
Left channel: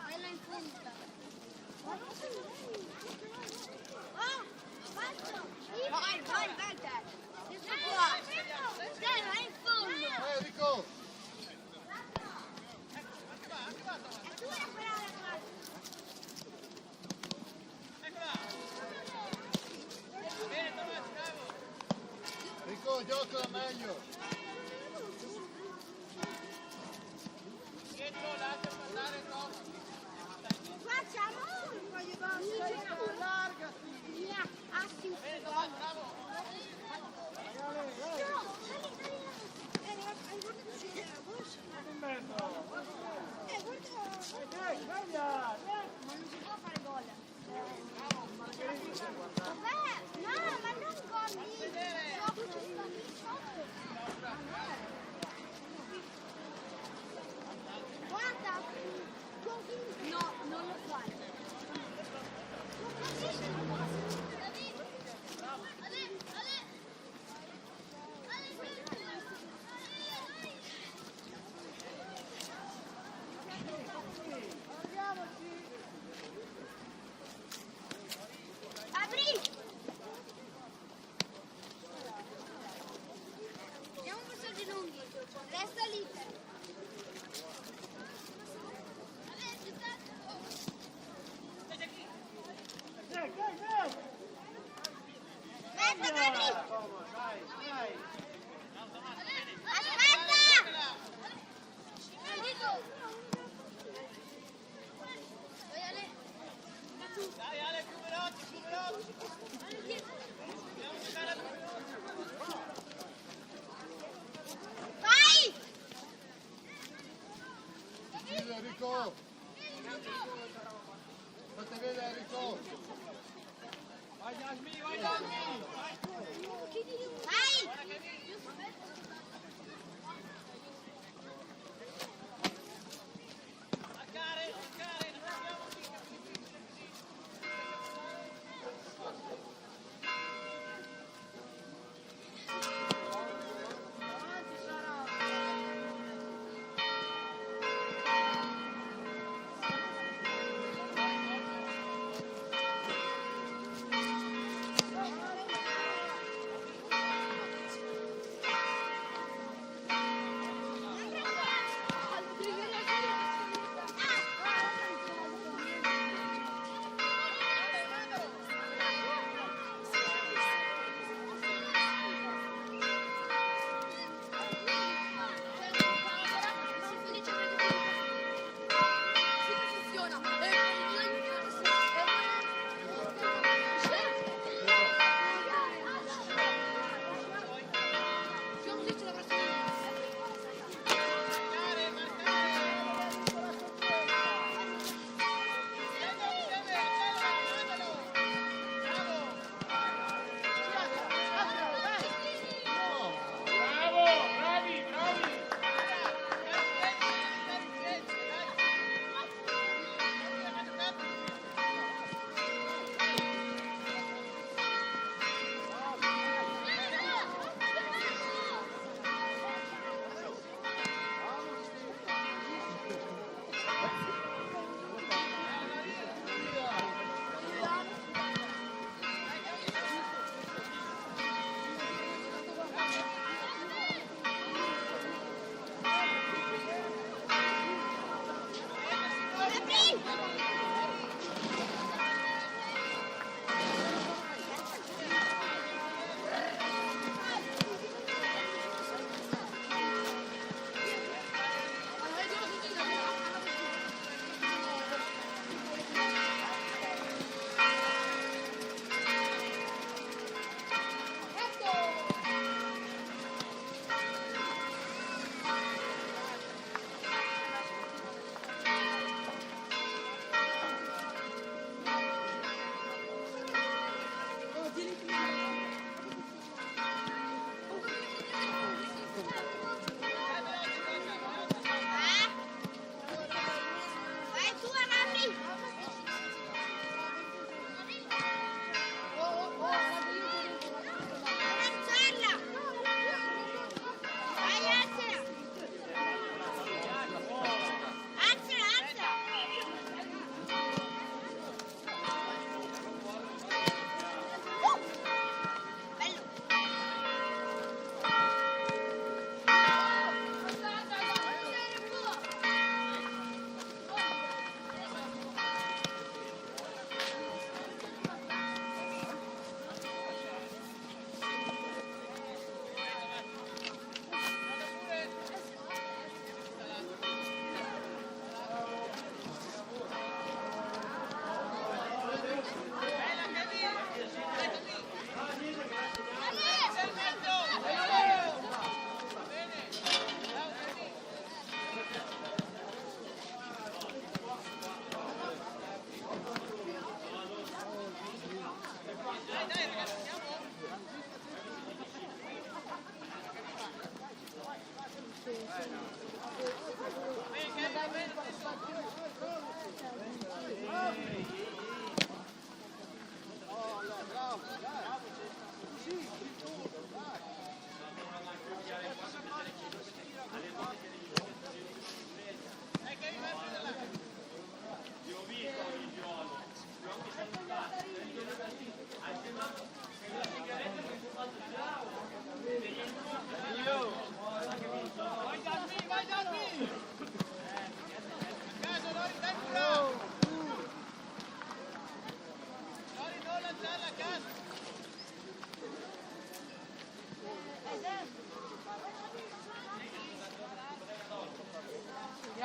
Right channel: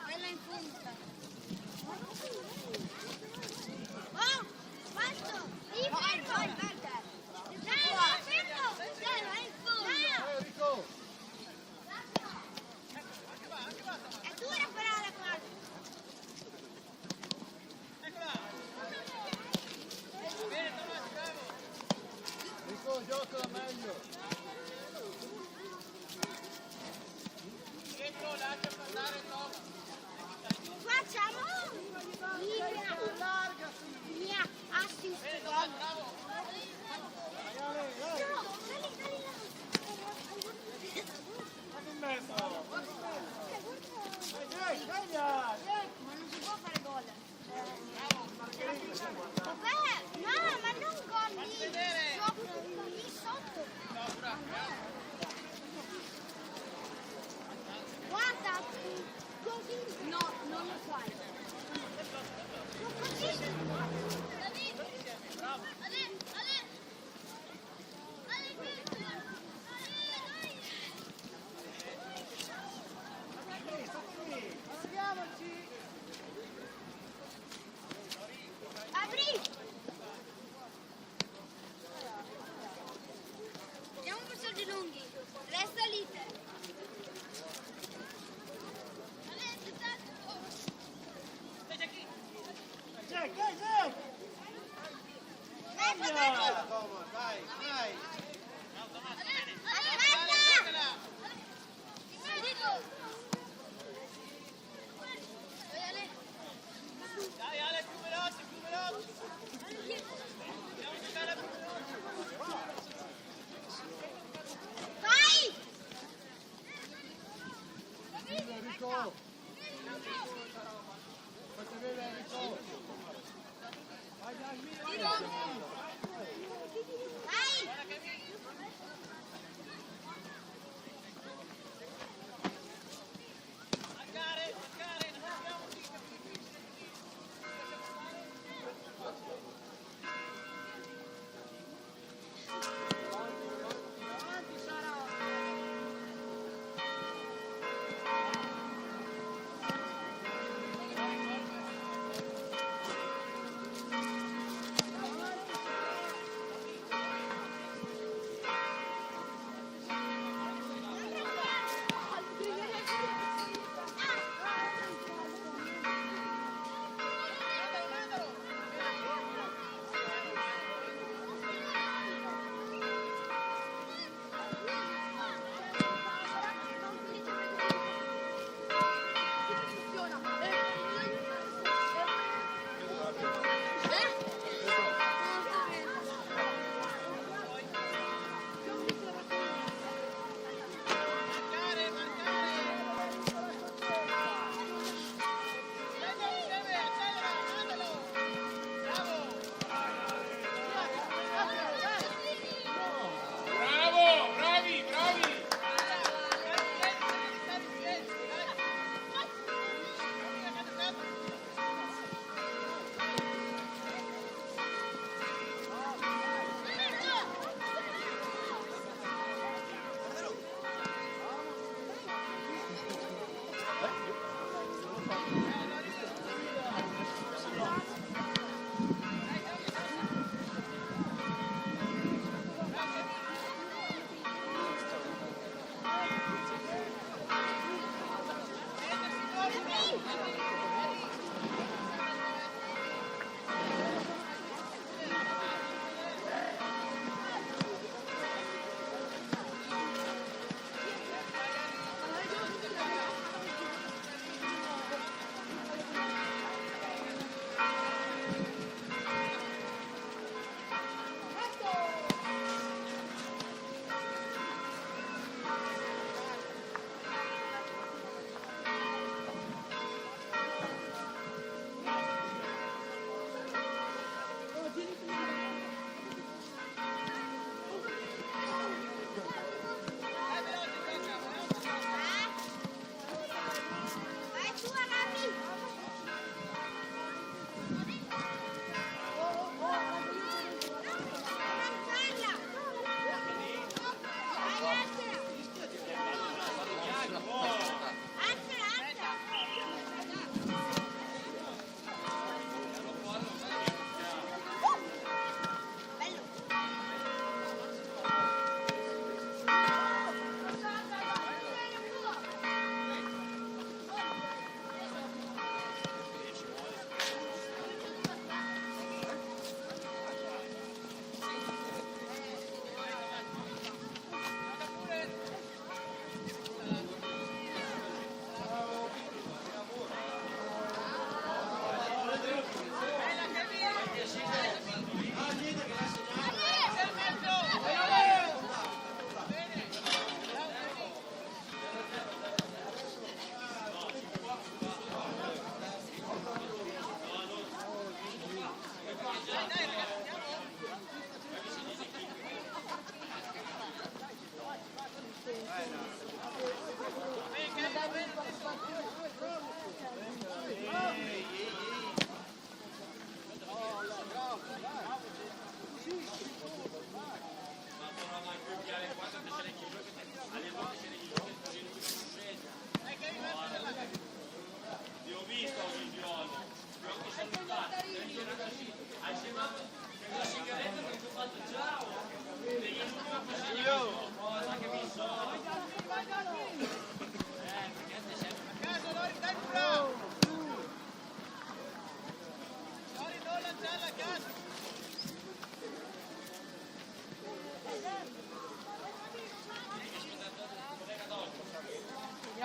Bella in punta. Vai, Walter. Dai, vai in fondo. Enrico! Ecco, anche va, Tomás. Eccola. Va bene, Tomás, bravo. Enrico, gioca meglio! Dietro, lascia passare Tomás. Allargati! Bene, Tomás, bravo. Ma non si può fare gol. Vabbè, no, ma non gol lì sotto. Ma no. Guarda, così. No, non lo fai. Così.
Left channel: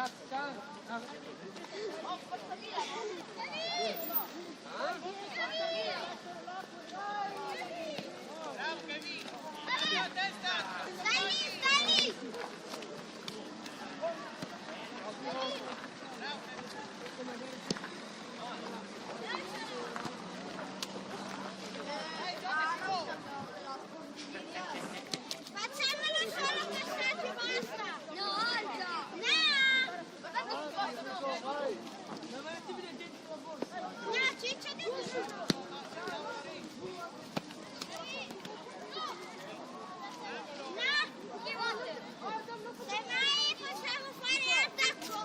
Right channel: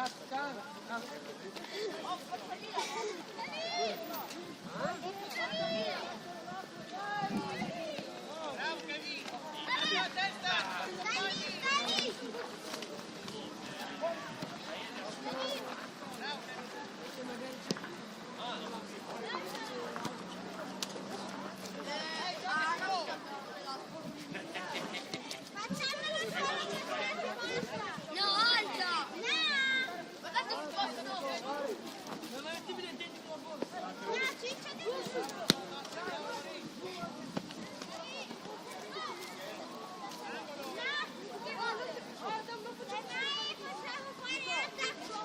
Casca. Oh, forza via! Bravo Kevin! Cambia la testa! Compagni! Bravo Kevin! Gioca si può! No, alza! No! Guardate il posto! No, ciccia di possiamo fare attacco!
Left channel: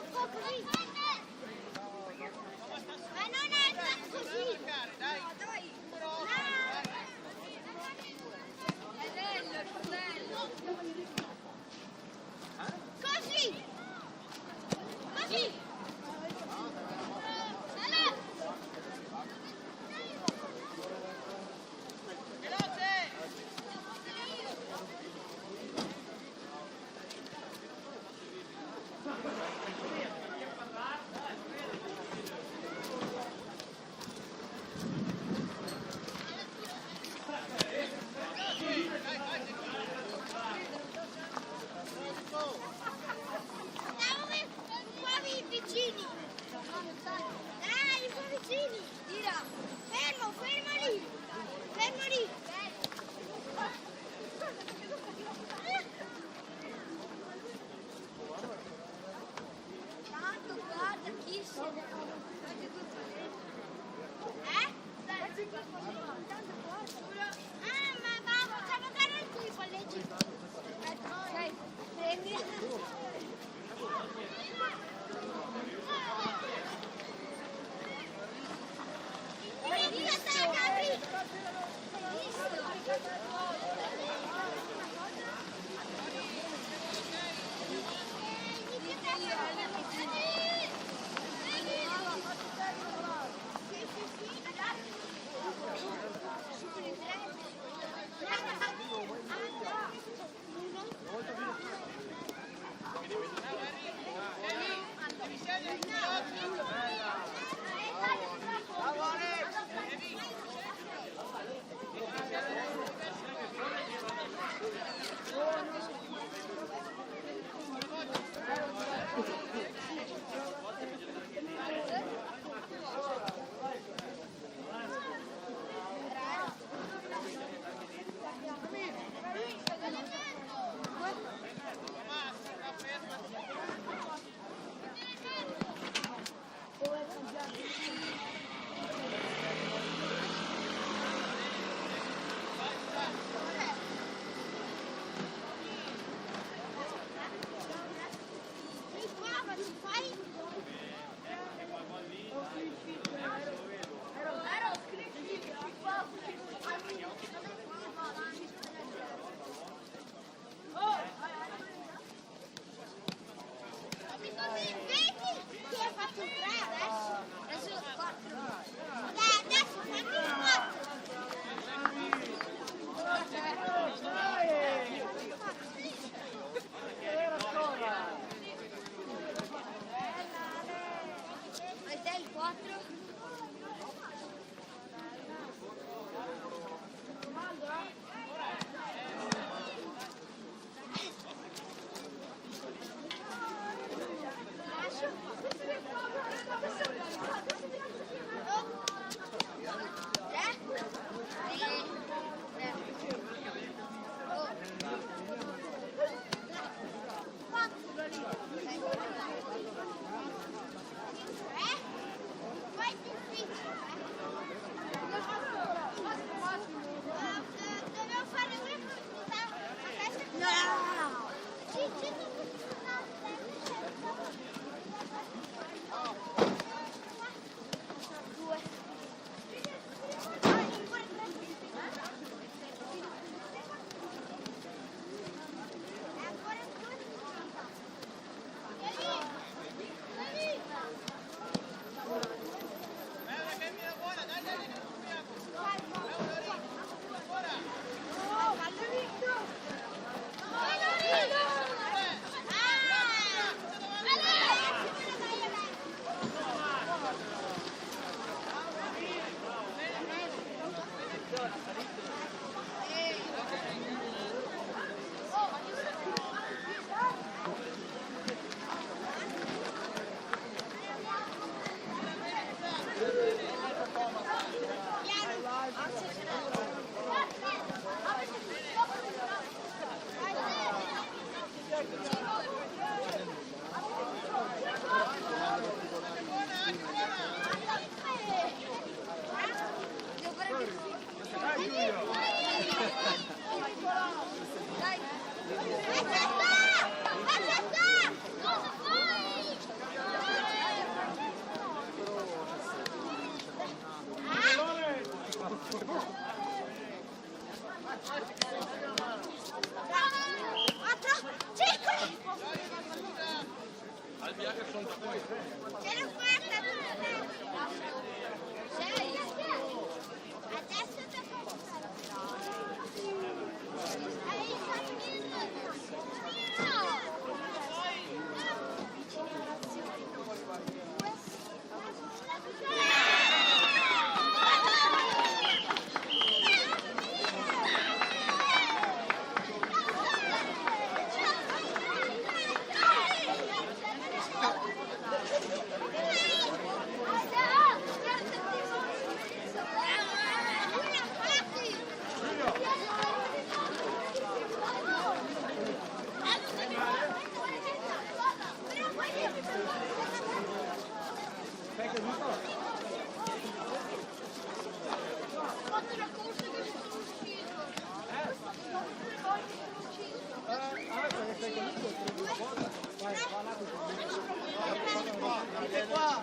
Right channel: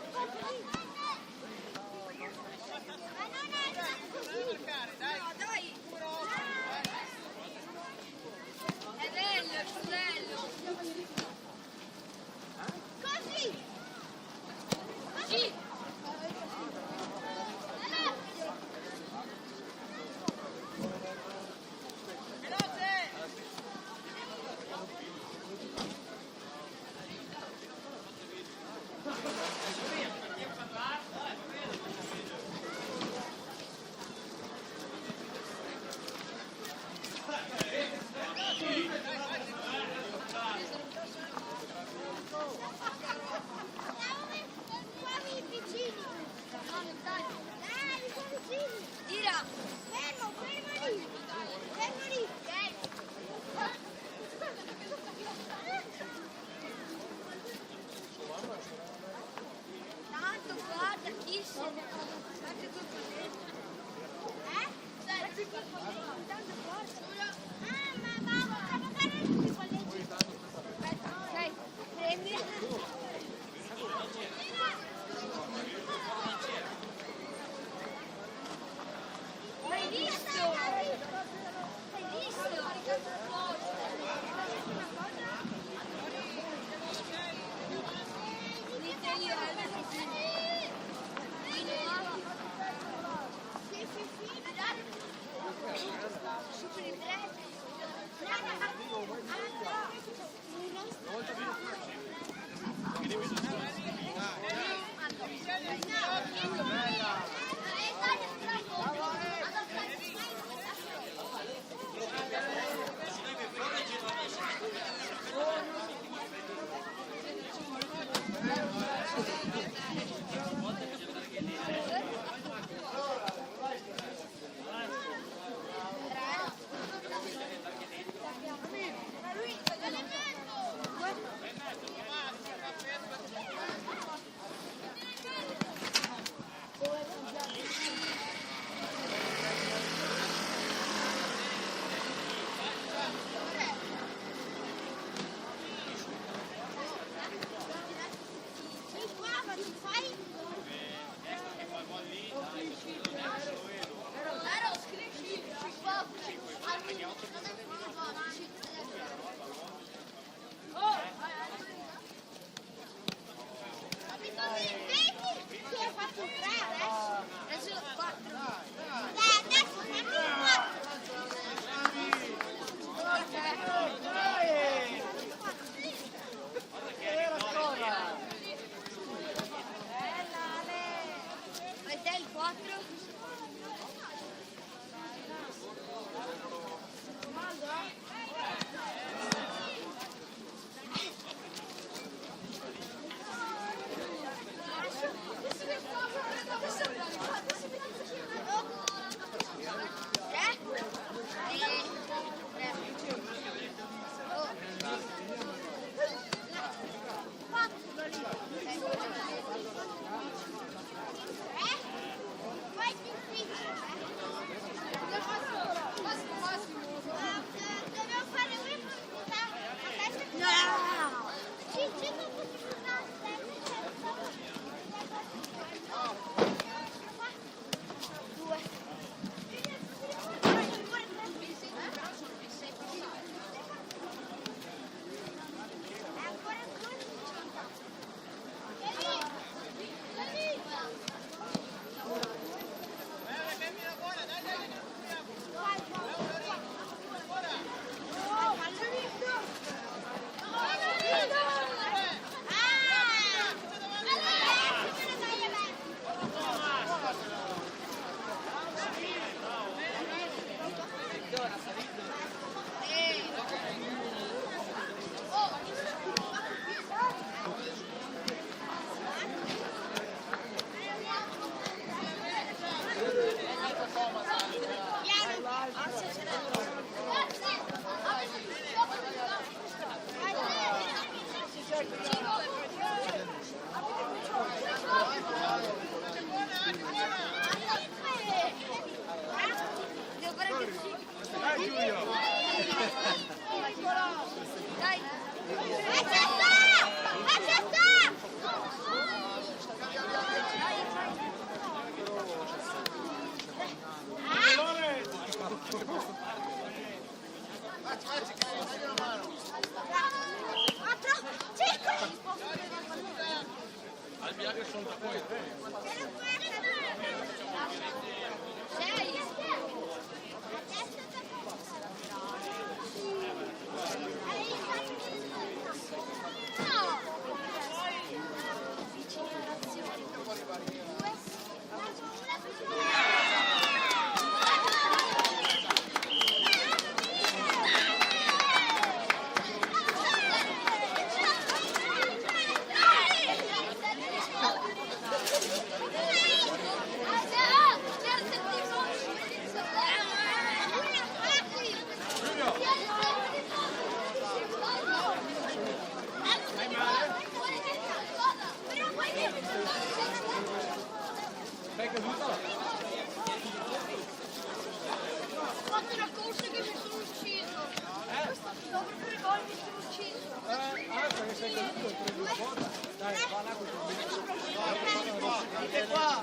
Venite qua.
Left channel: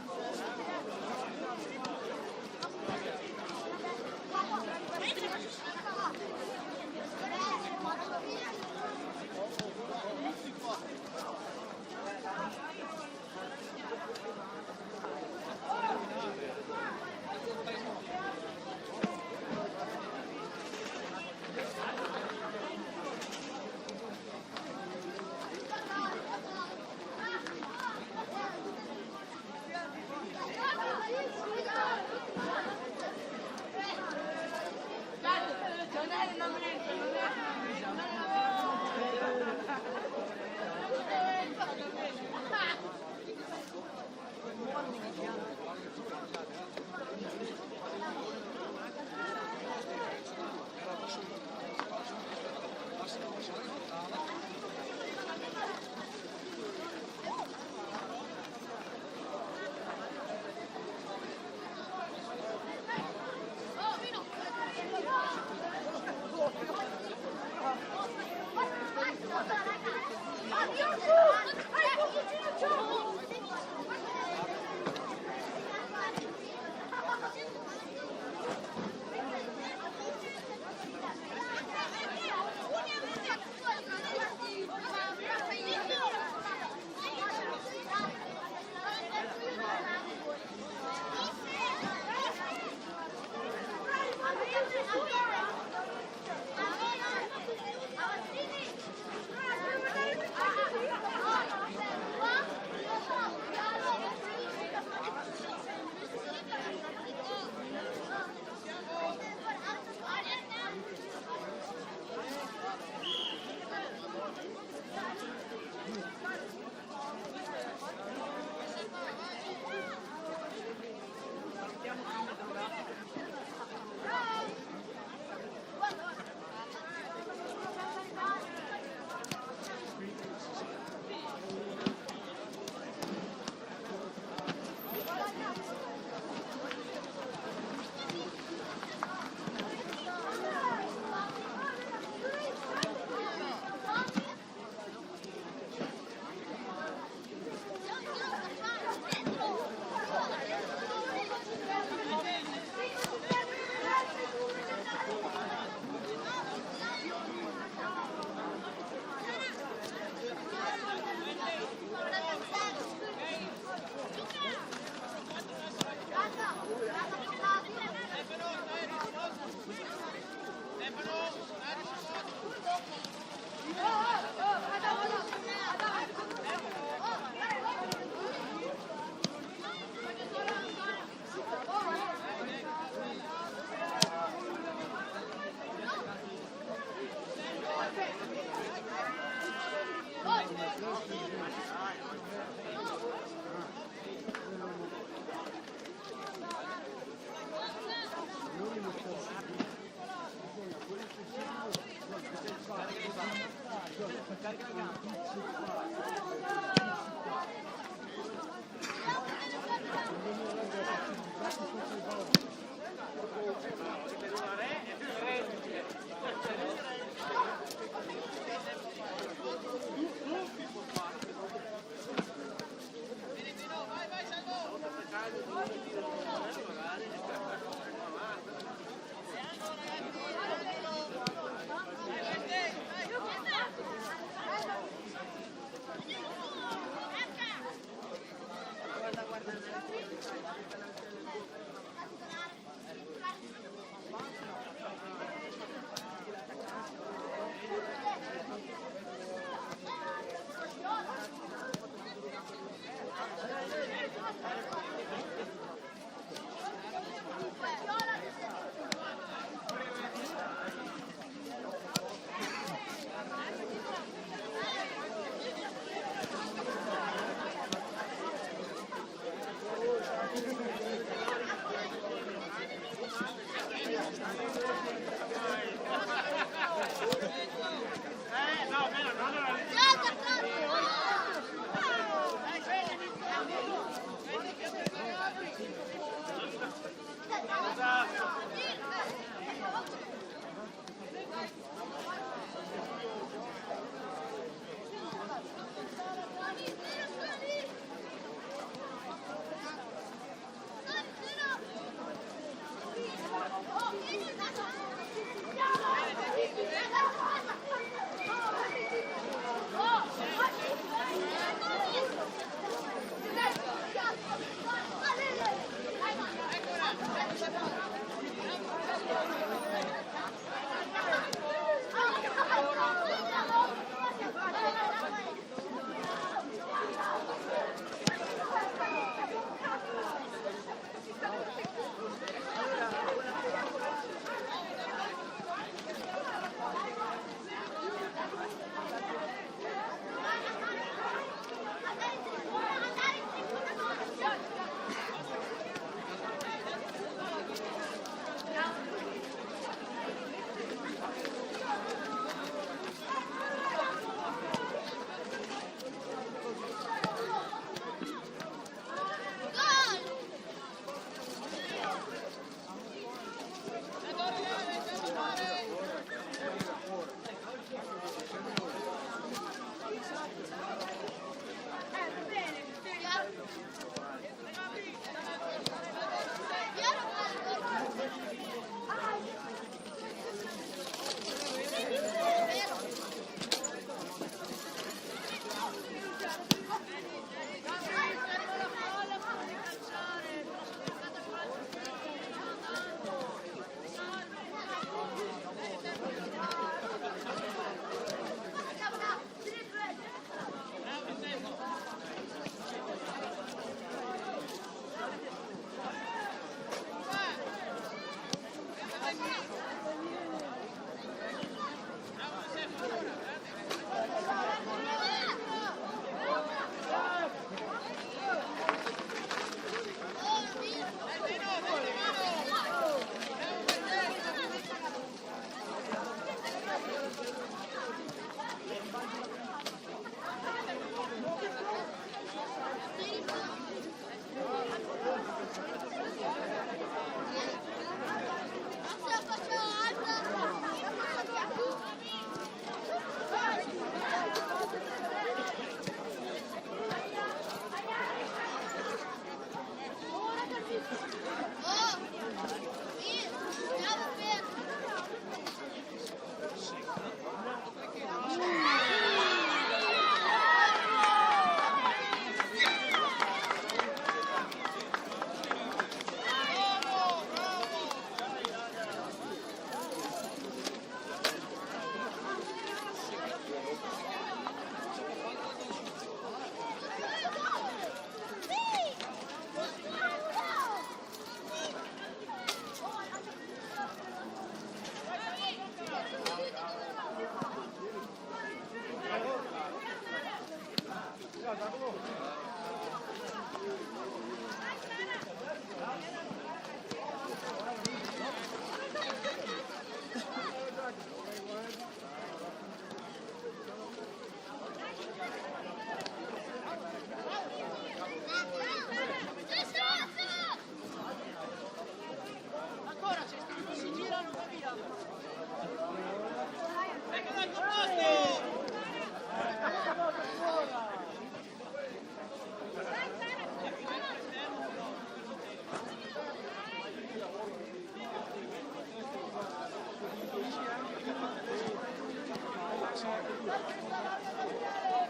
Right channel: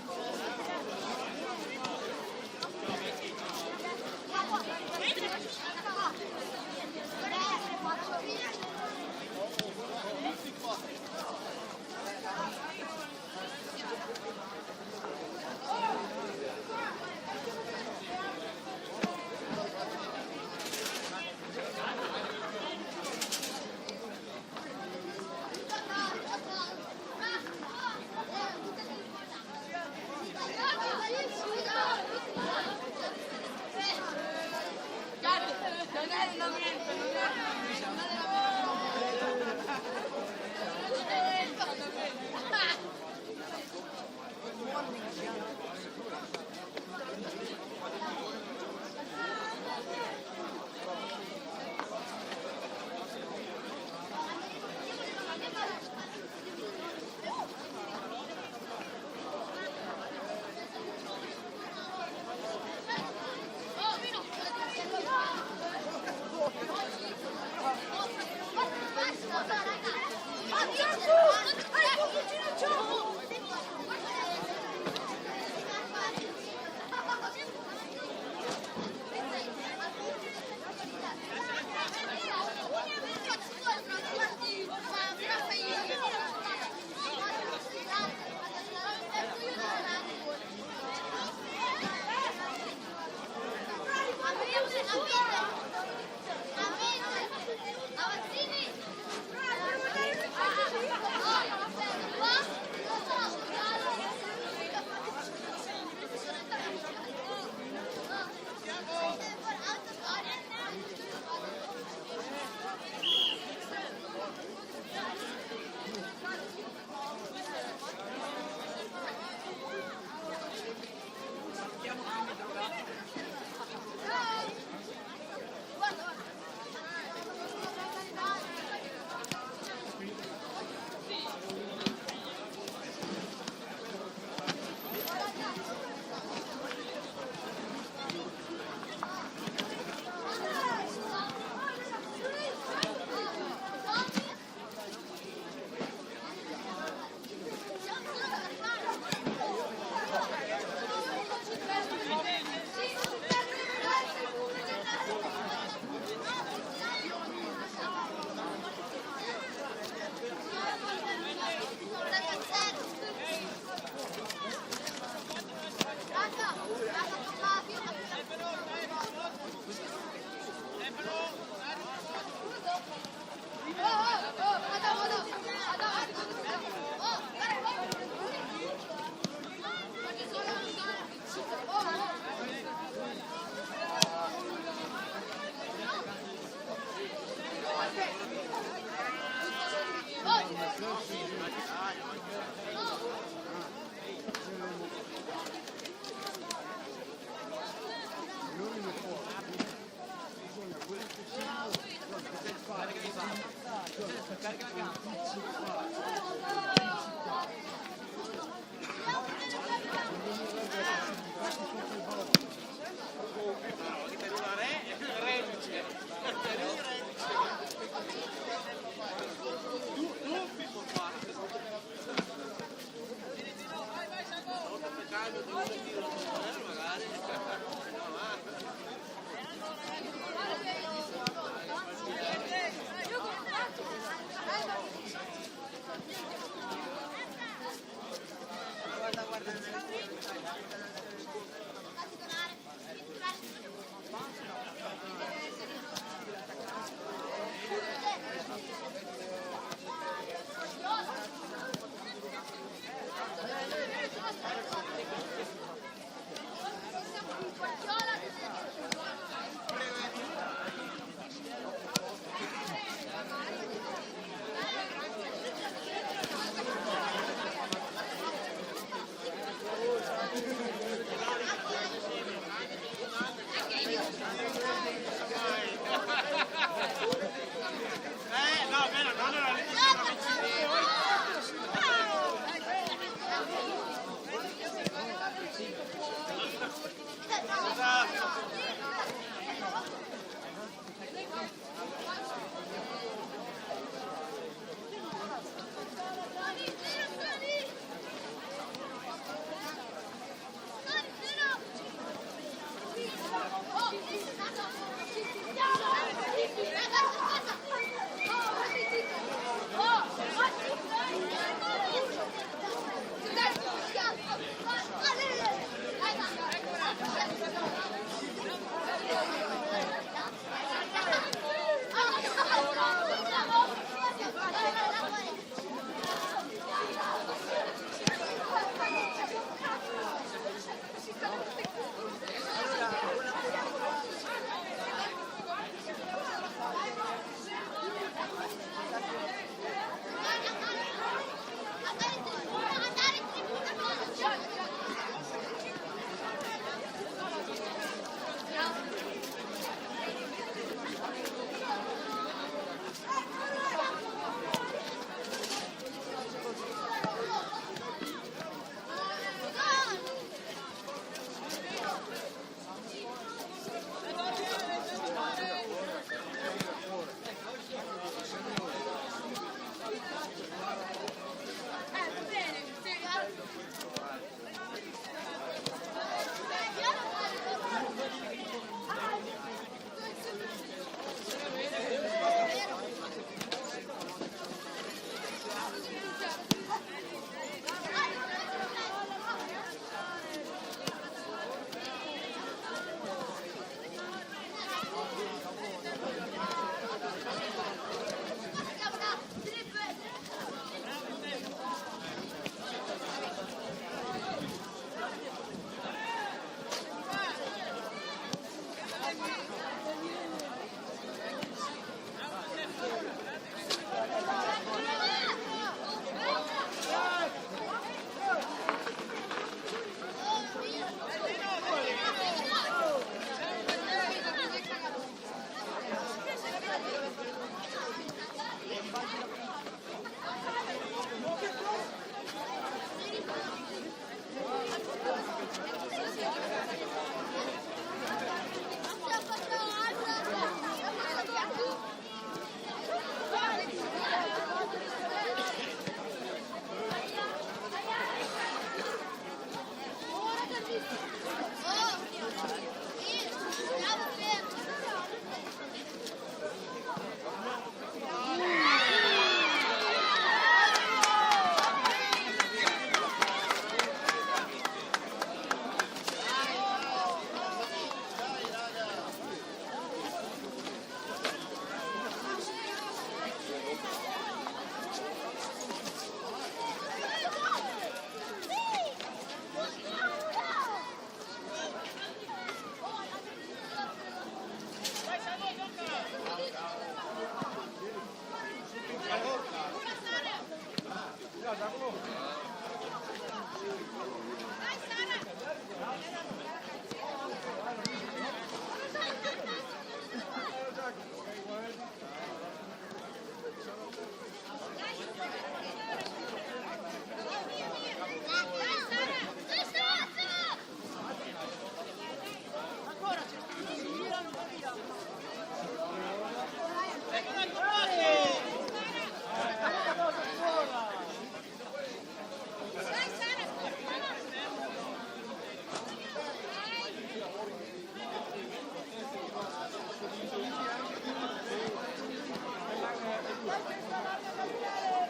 Dai questa larga Gabriele!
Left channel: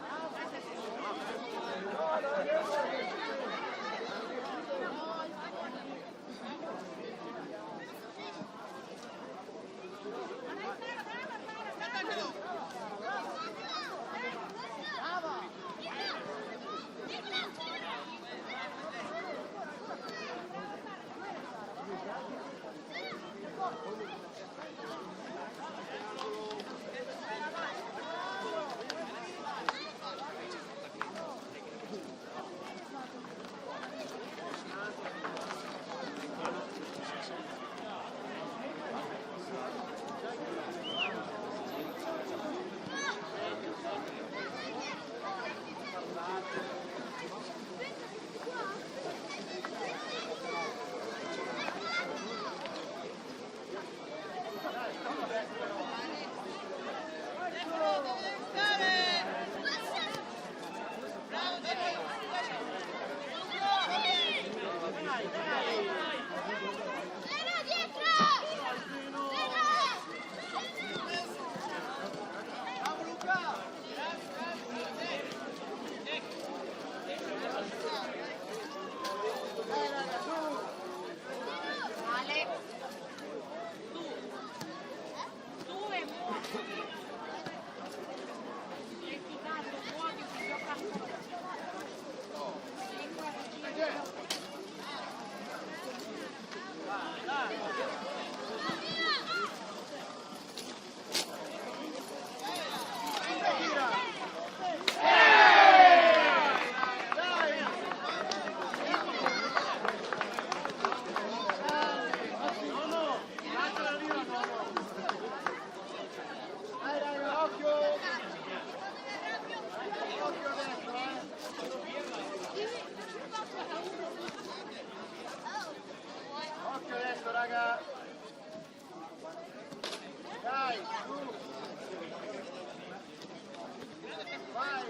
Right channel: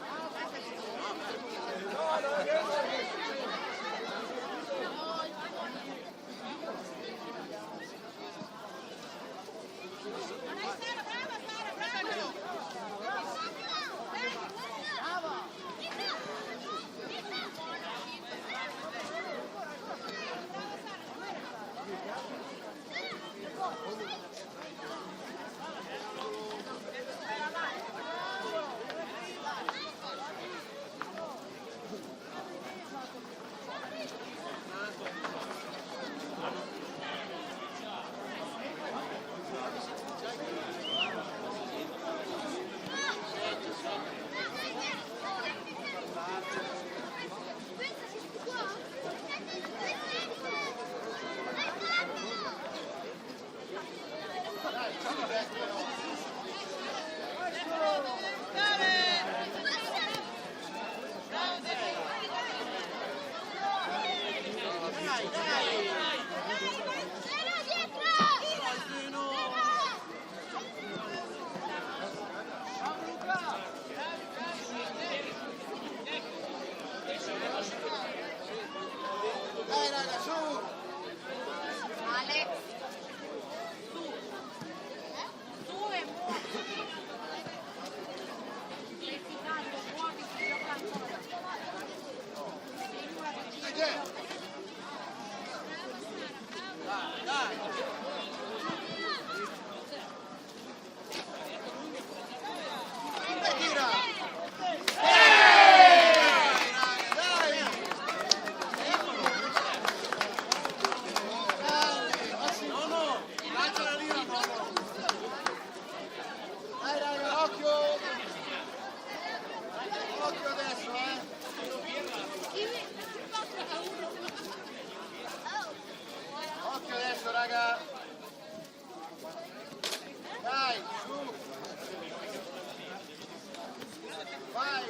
Brava! Bravo Luca! Dai raga, su! Alex, tu e muoviti. Efficace, muoviti, gioca ancora. Dai raga, occhio! Occhio adesso, Occhio adesso, raga! Dai, su! Vai,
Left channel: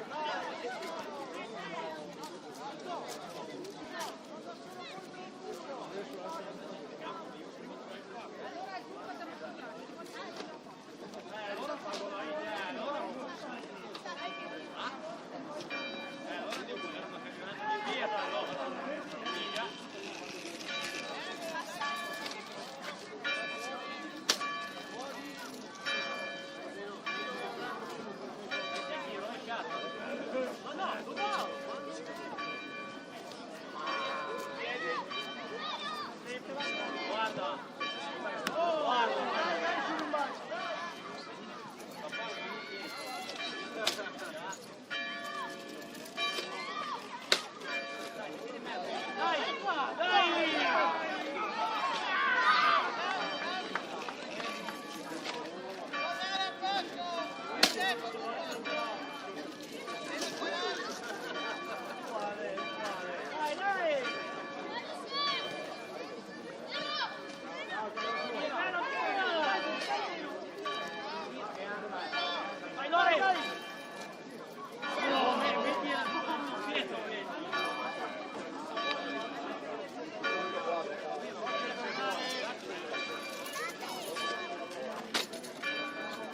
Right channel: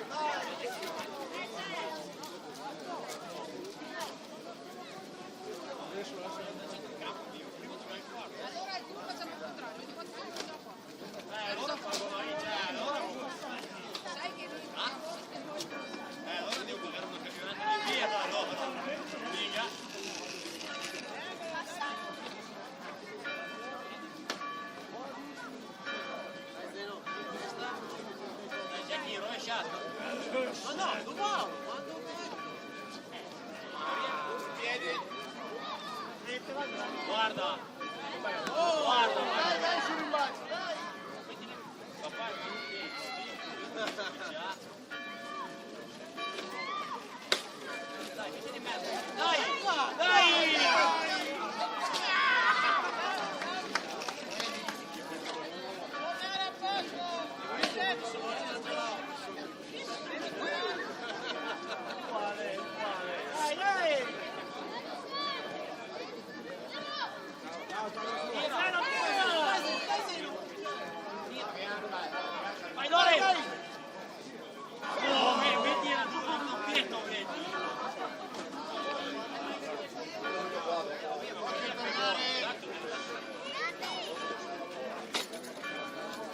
Tornare a posto! Tempo sul posto! Meno Taran! Dai, dai! Vai Dore!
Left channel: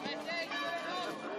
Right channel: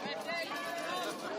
Vai te, libero nostro!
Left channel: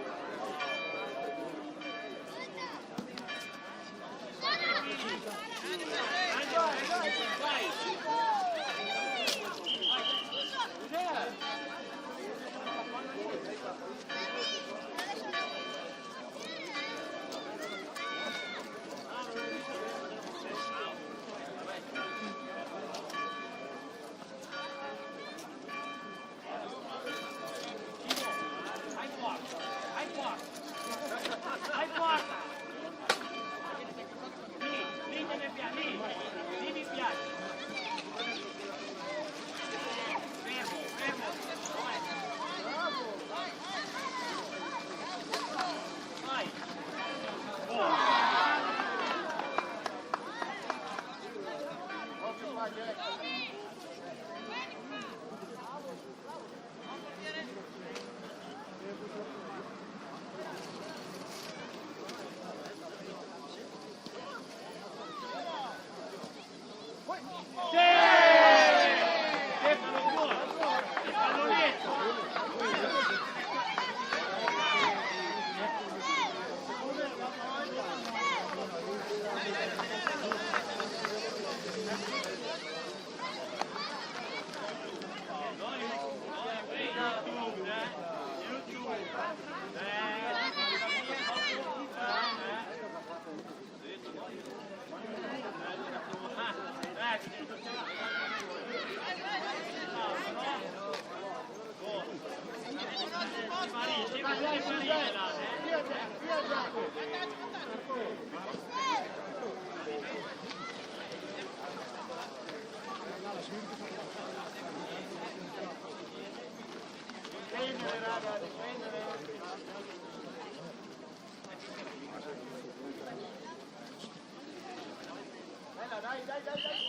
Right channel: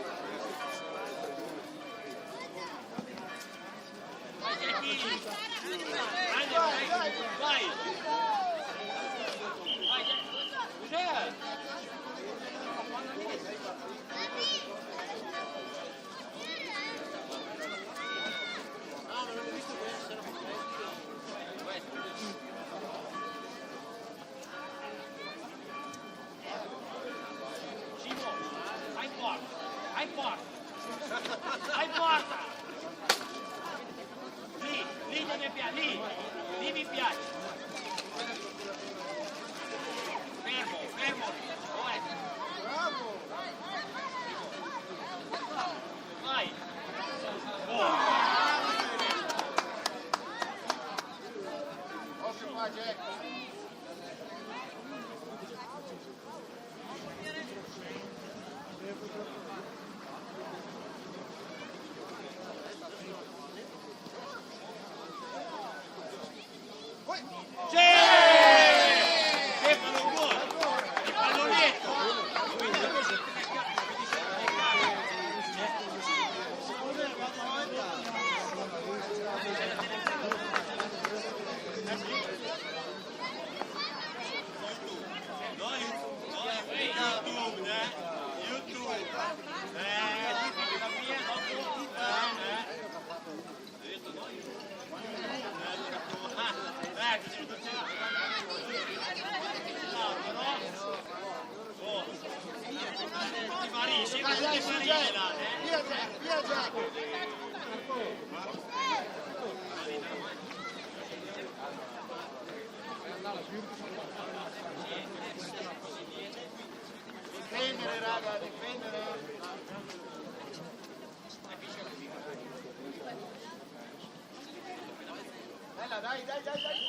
Dai, dai, su, Jack. Via Jack, via Jack. Vantaggio, vantaggio. Difendere, raga, difendere. Bella, dai, dai, dai, dai.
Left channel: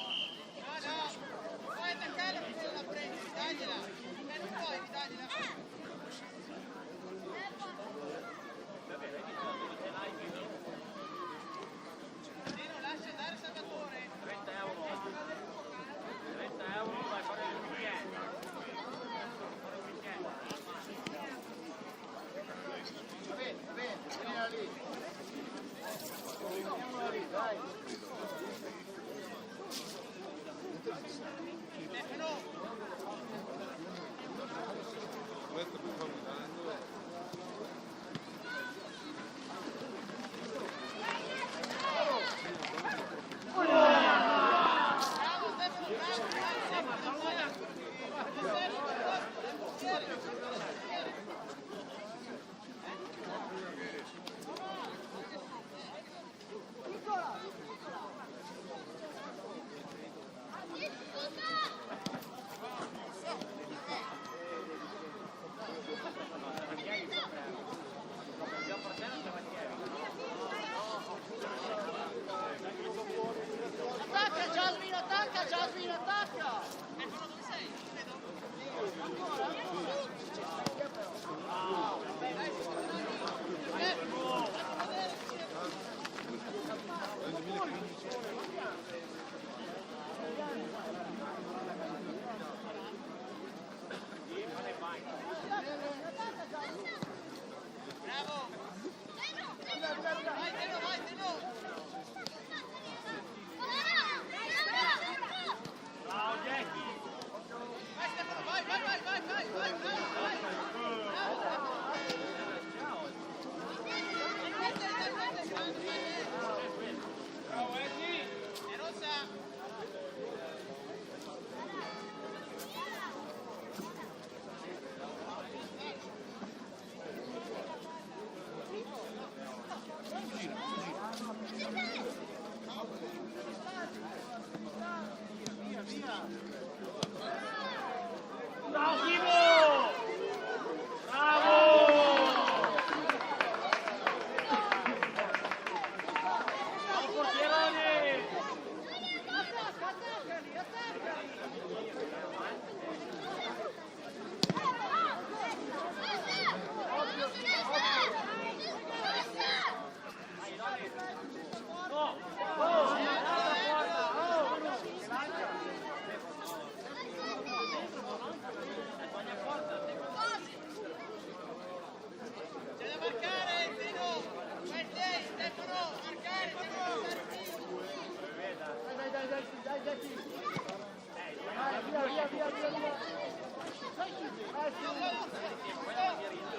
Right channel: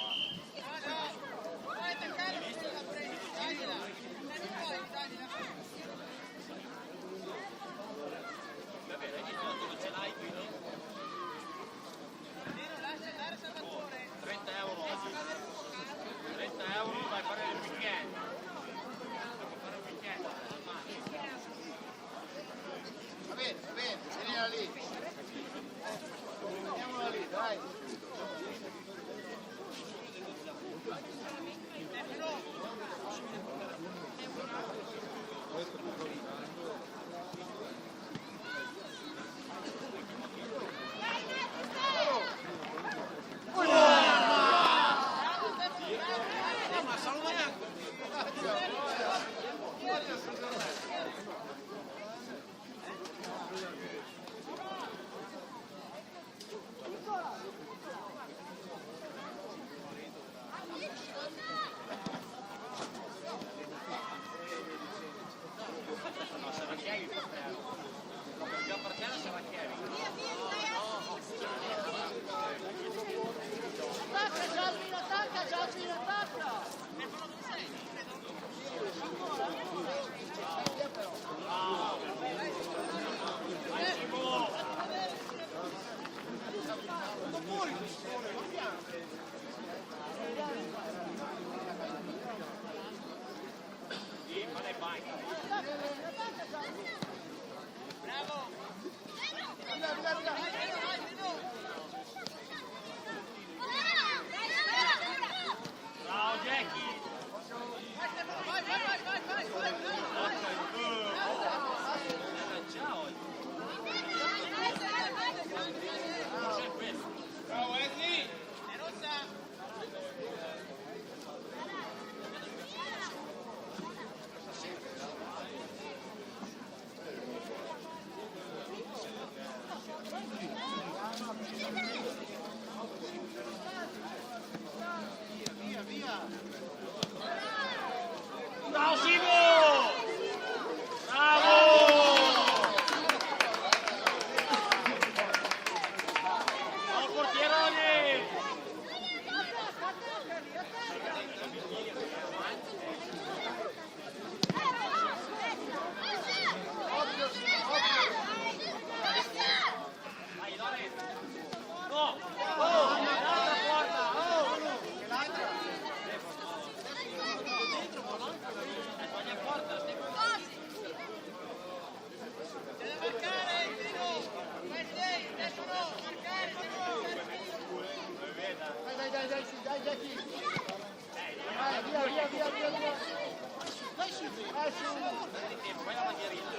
No, no, non puoi attaccarla finché la prendi, dagliela. Non puoi, dagliela. Dino, lascia andare Salvatore. 30 euro. 30 euro per fare il weekend. Va bene, tienila lì. Teniamola lì, dai. Stefano. Bravo Stefano, bravo, bravo, Stefano, palla. Stefano, forte, è il portiere, è il portiere. Attacca Giasmine, attacca Giasmine, attacca! Stefano, dove sei? Non vedo. Ancora, ancora! Dai, Stefano, fatti vedere che c'è. Bravo. Vai, Dino, vai, Dino. Vai Stefano, vai, vai, vai, vai, vai, vai, bravo, vai. Bravo Stefano. Dai, grande, vai, bravo Eddie. È rossa. Bravo Simo! Bravo! Portierone! Attacca, attaccali, attaccali! C'è da marcare, Dino. Vai, sei, Stefano, marcare, Stefano. Dai, dai, dai, sì, dai, Jackie. Vai, via, via, via, via, via. Dai, su, dai, su. Vai in mezzo.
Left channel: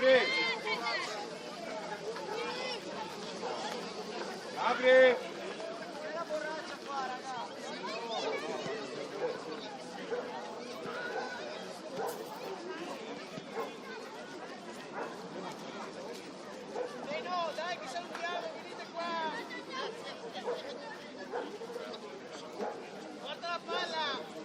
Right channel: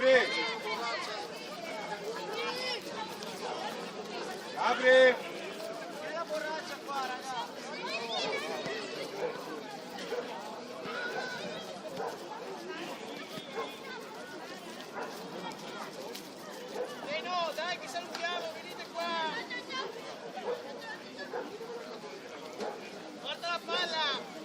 Apri! Apri! C'è la borraccia qua, ragazzi. No, dai, che salutiamo, venite qua. Porta la palla.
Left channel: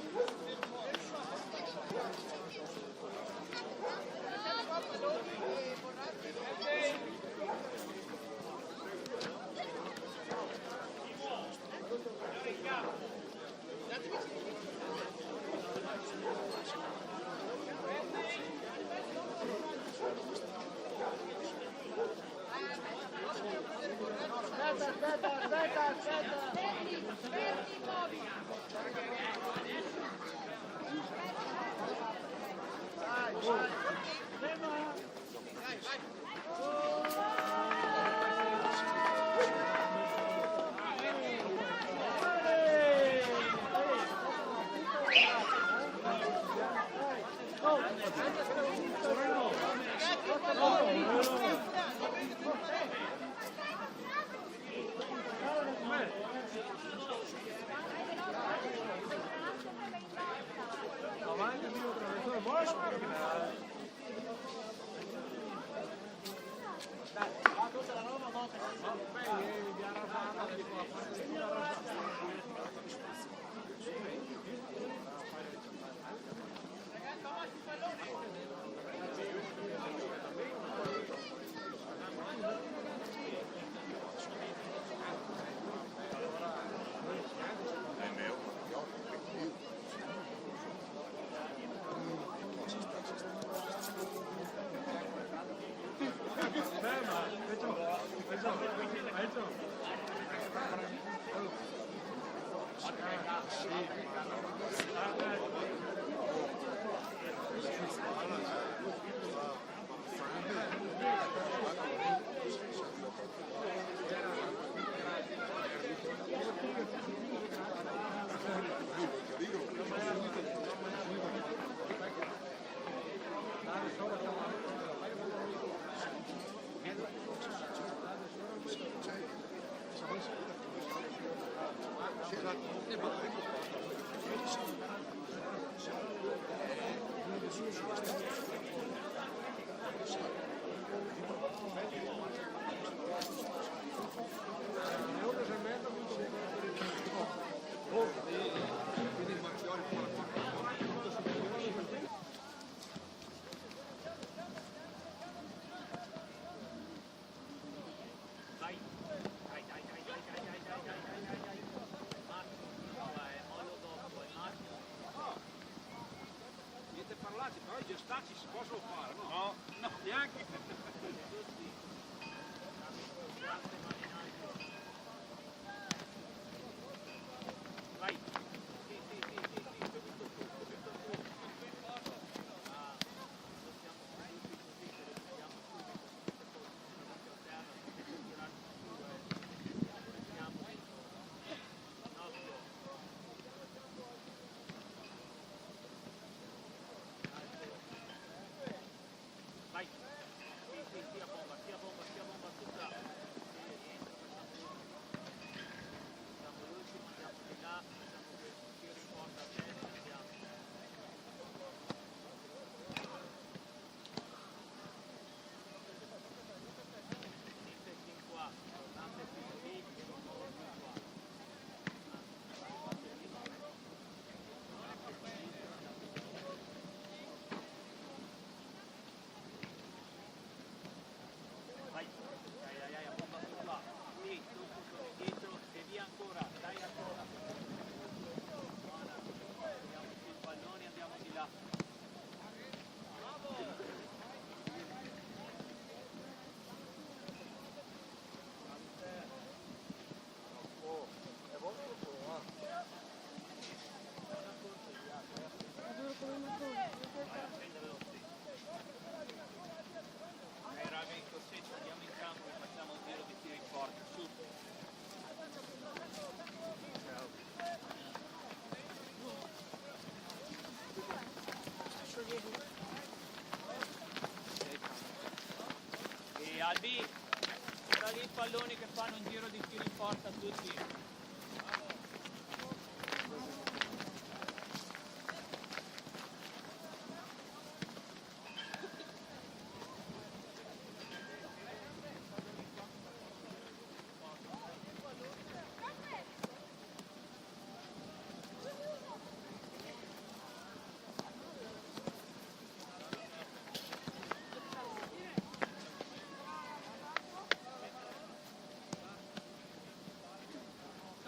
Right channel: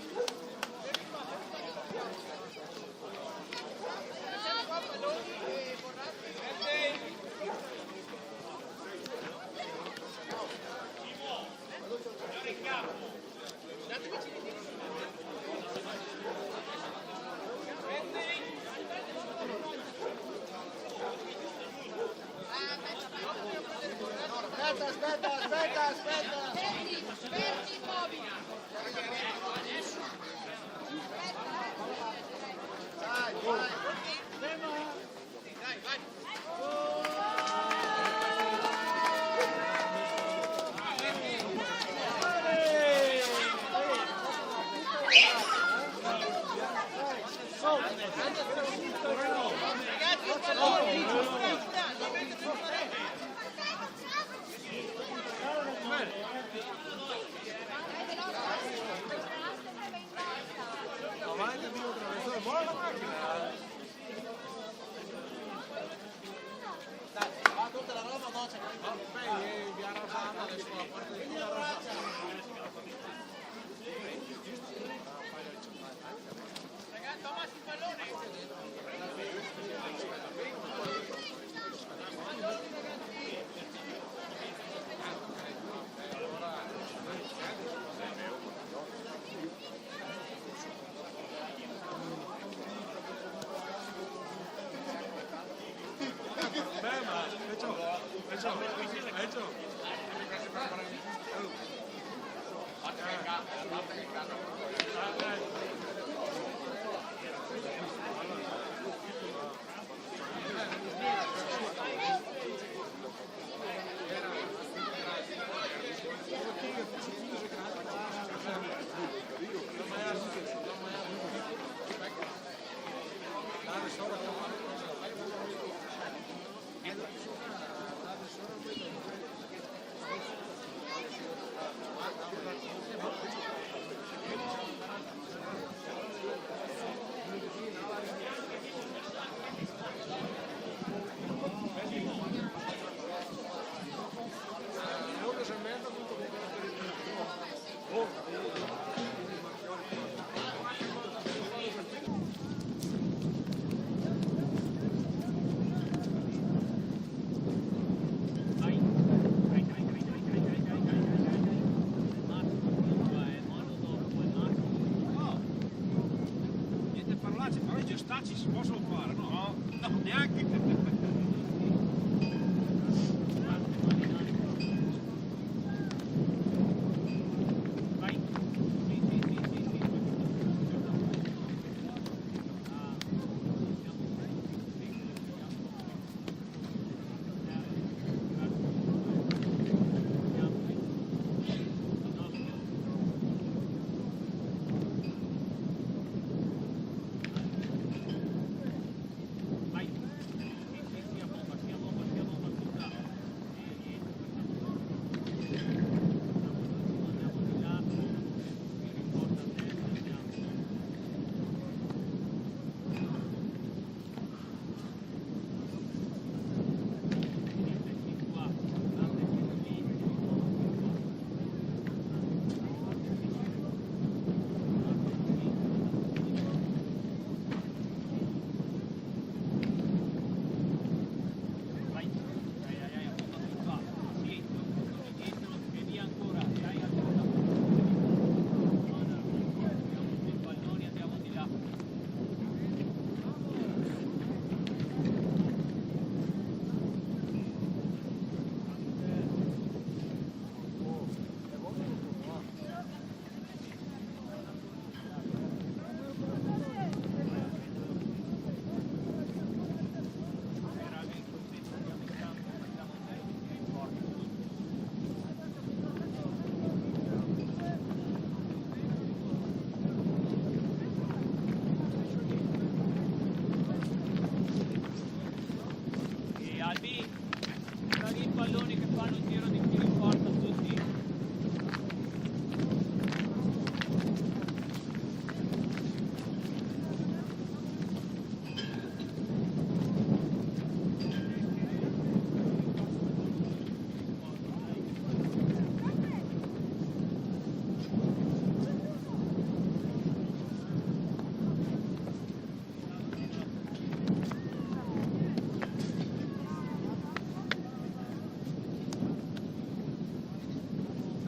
Niente parlare, però i gestacci si possono fare, no? Neanche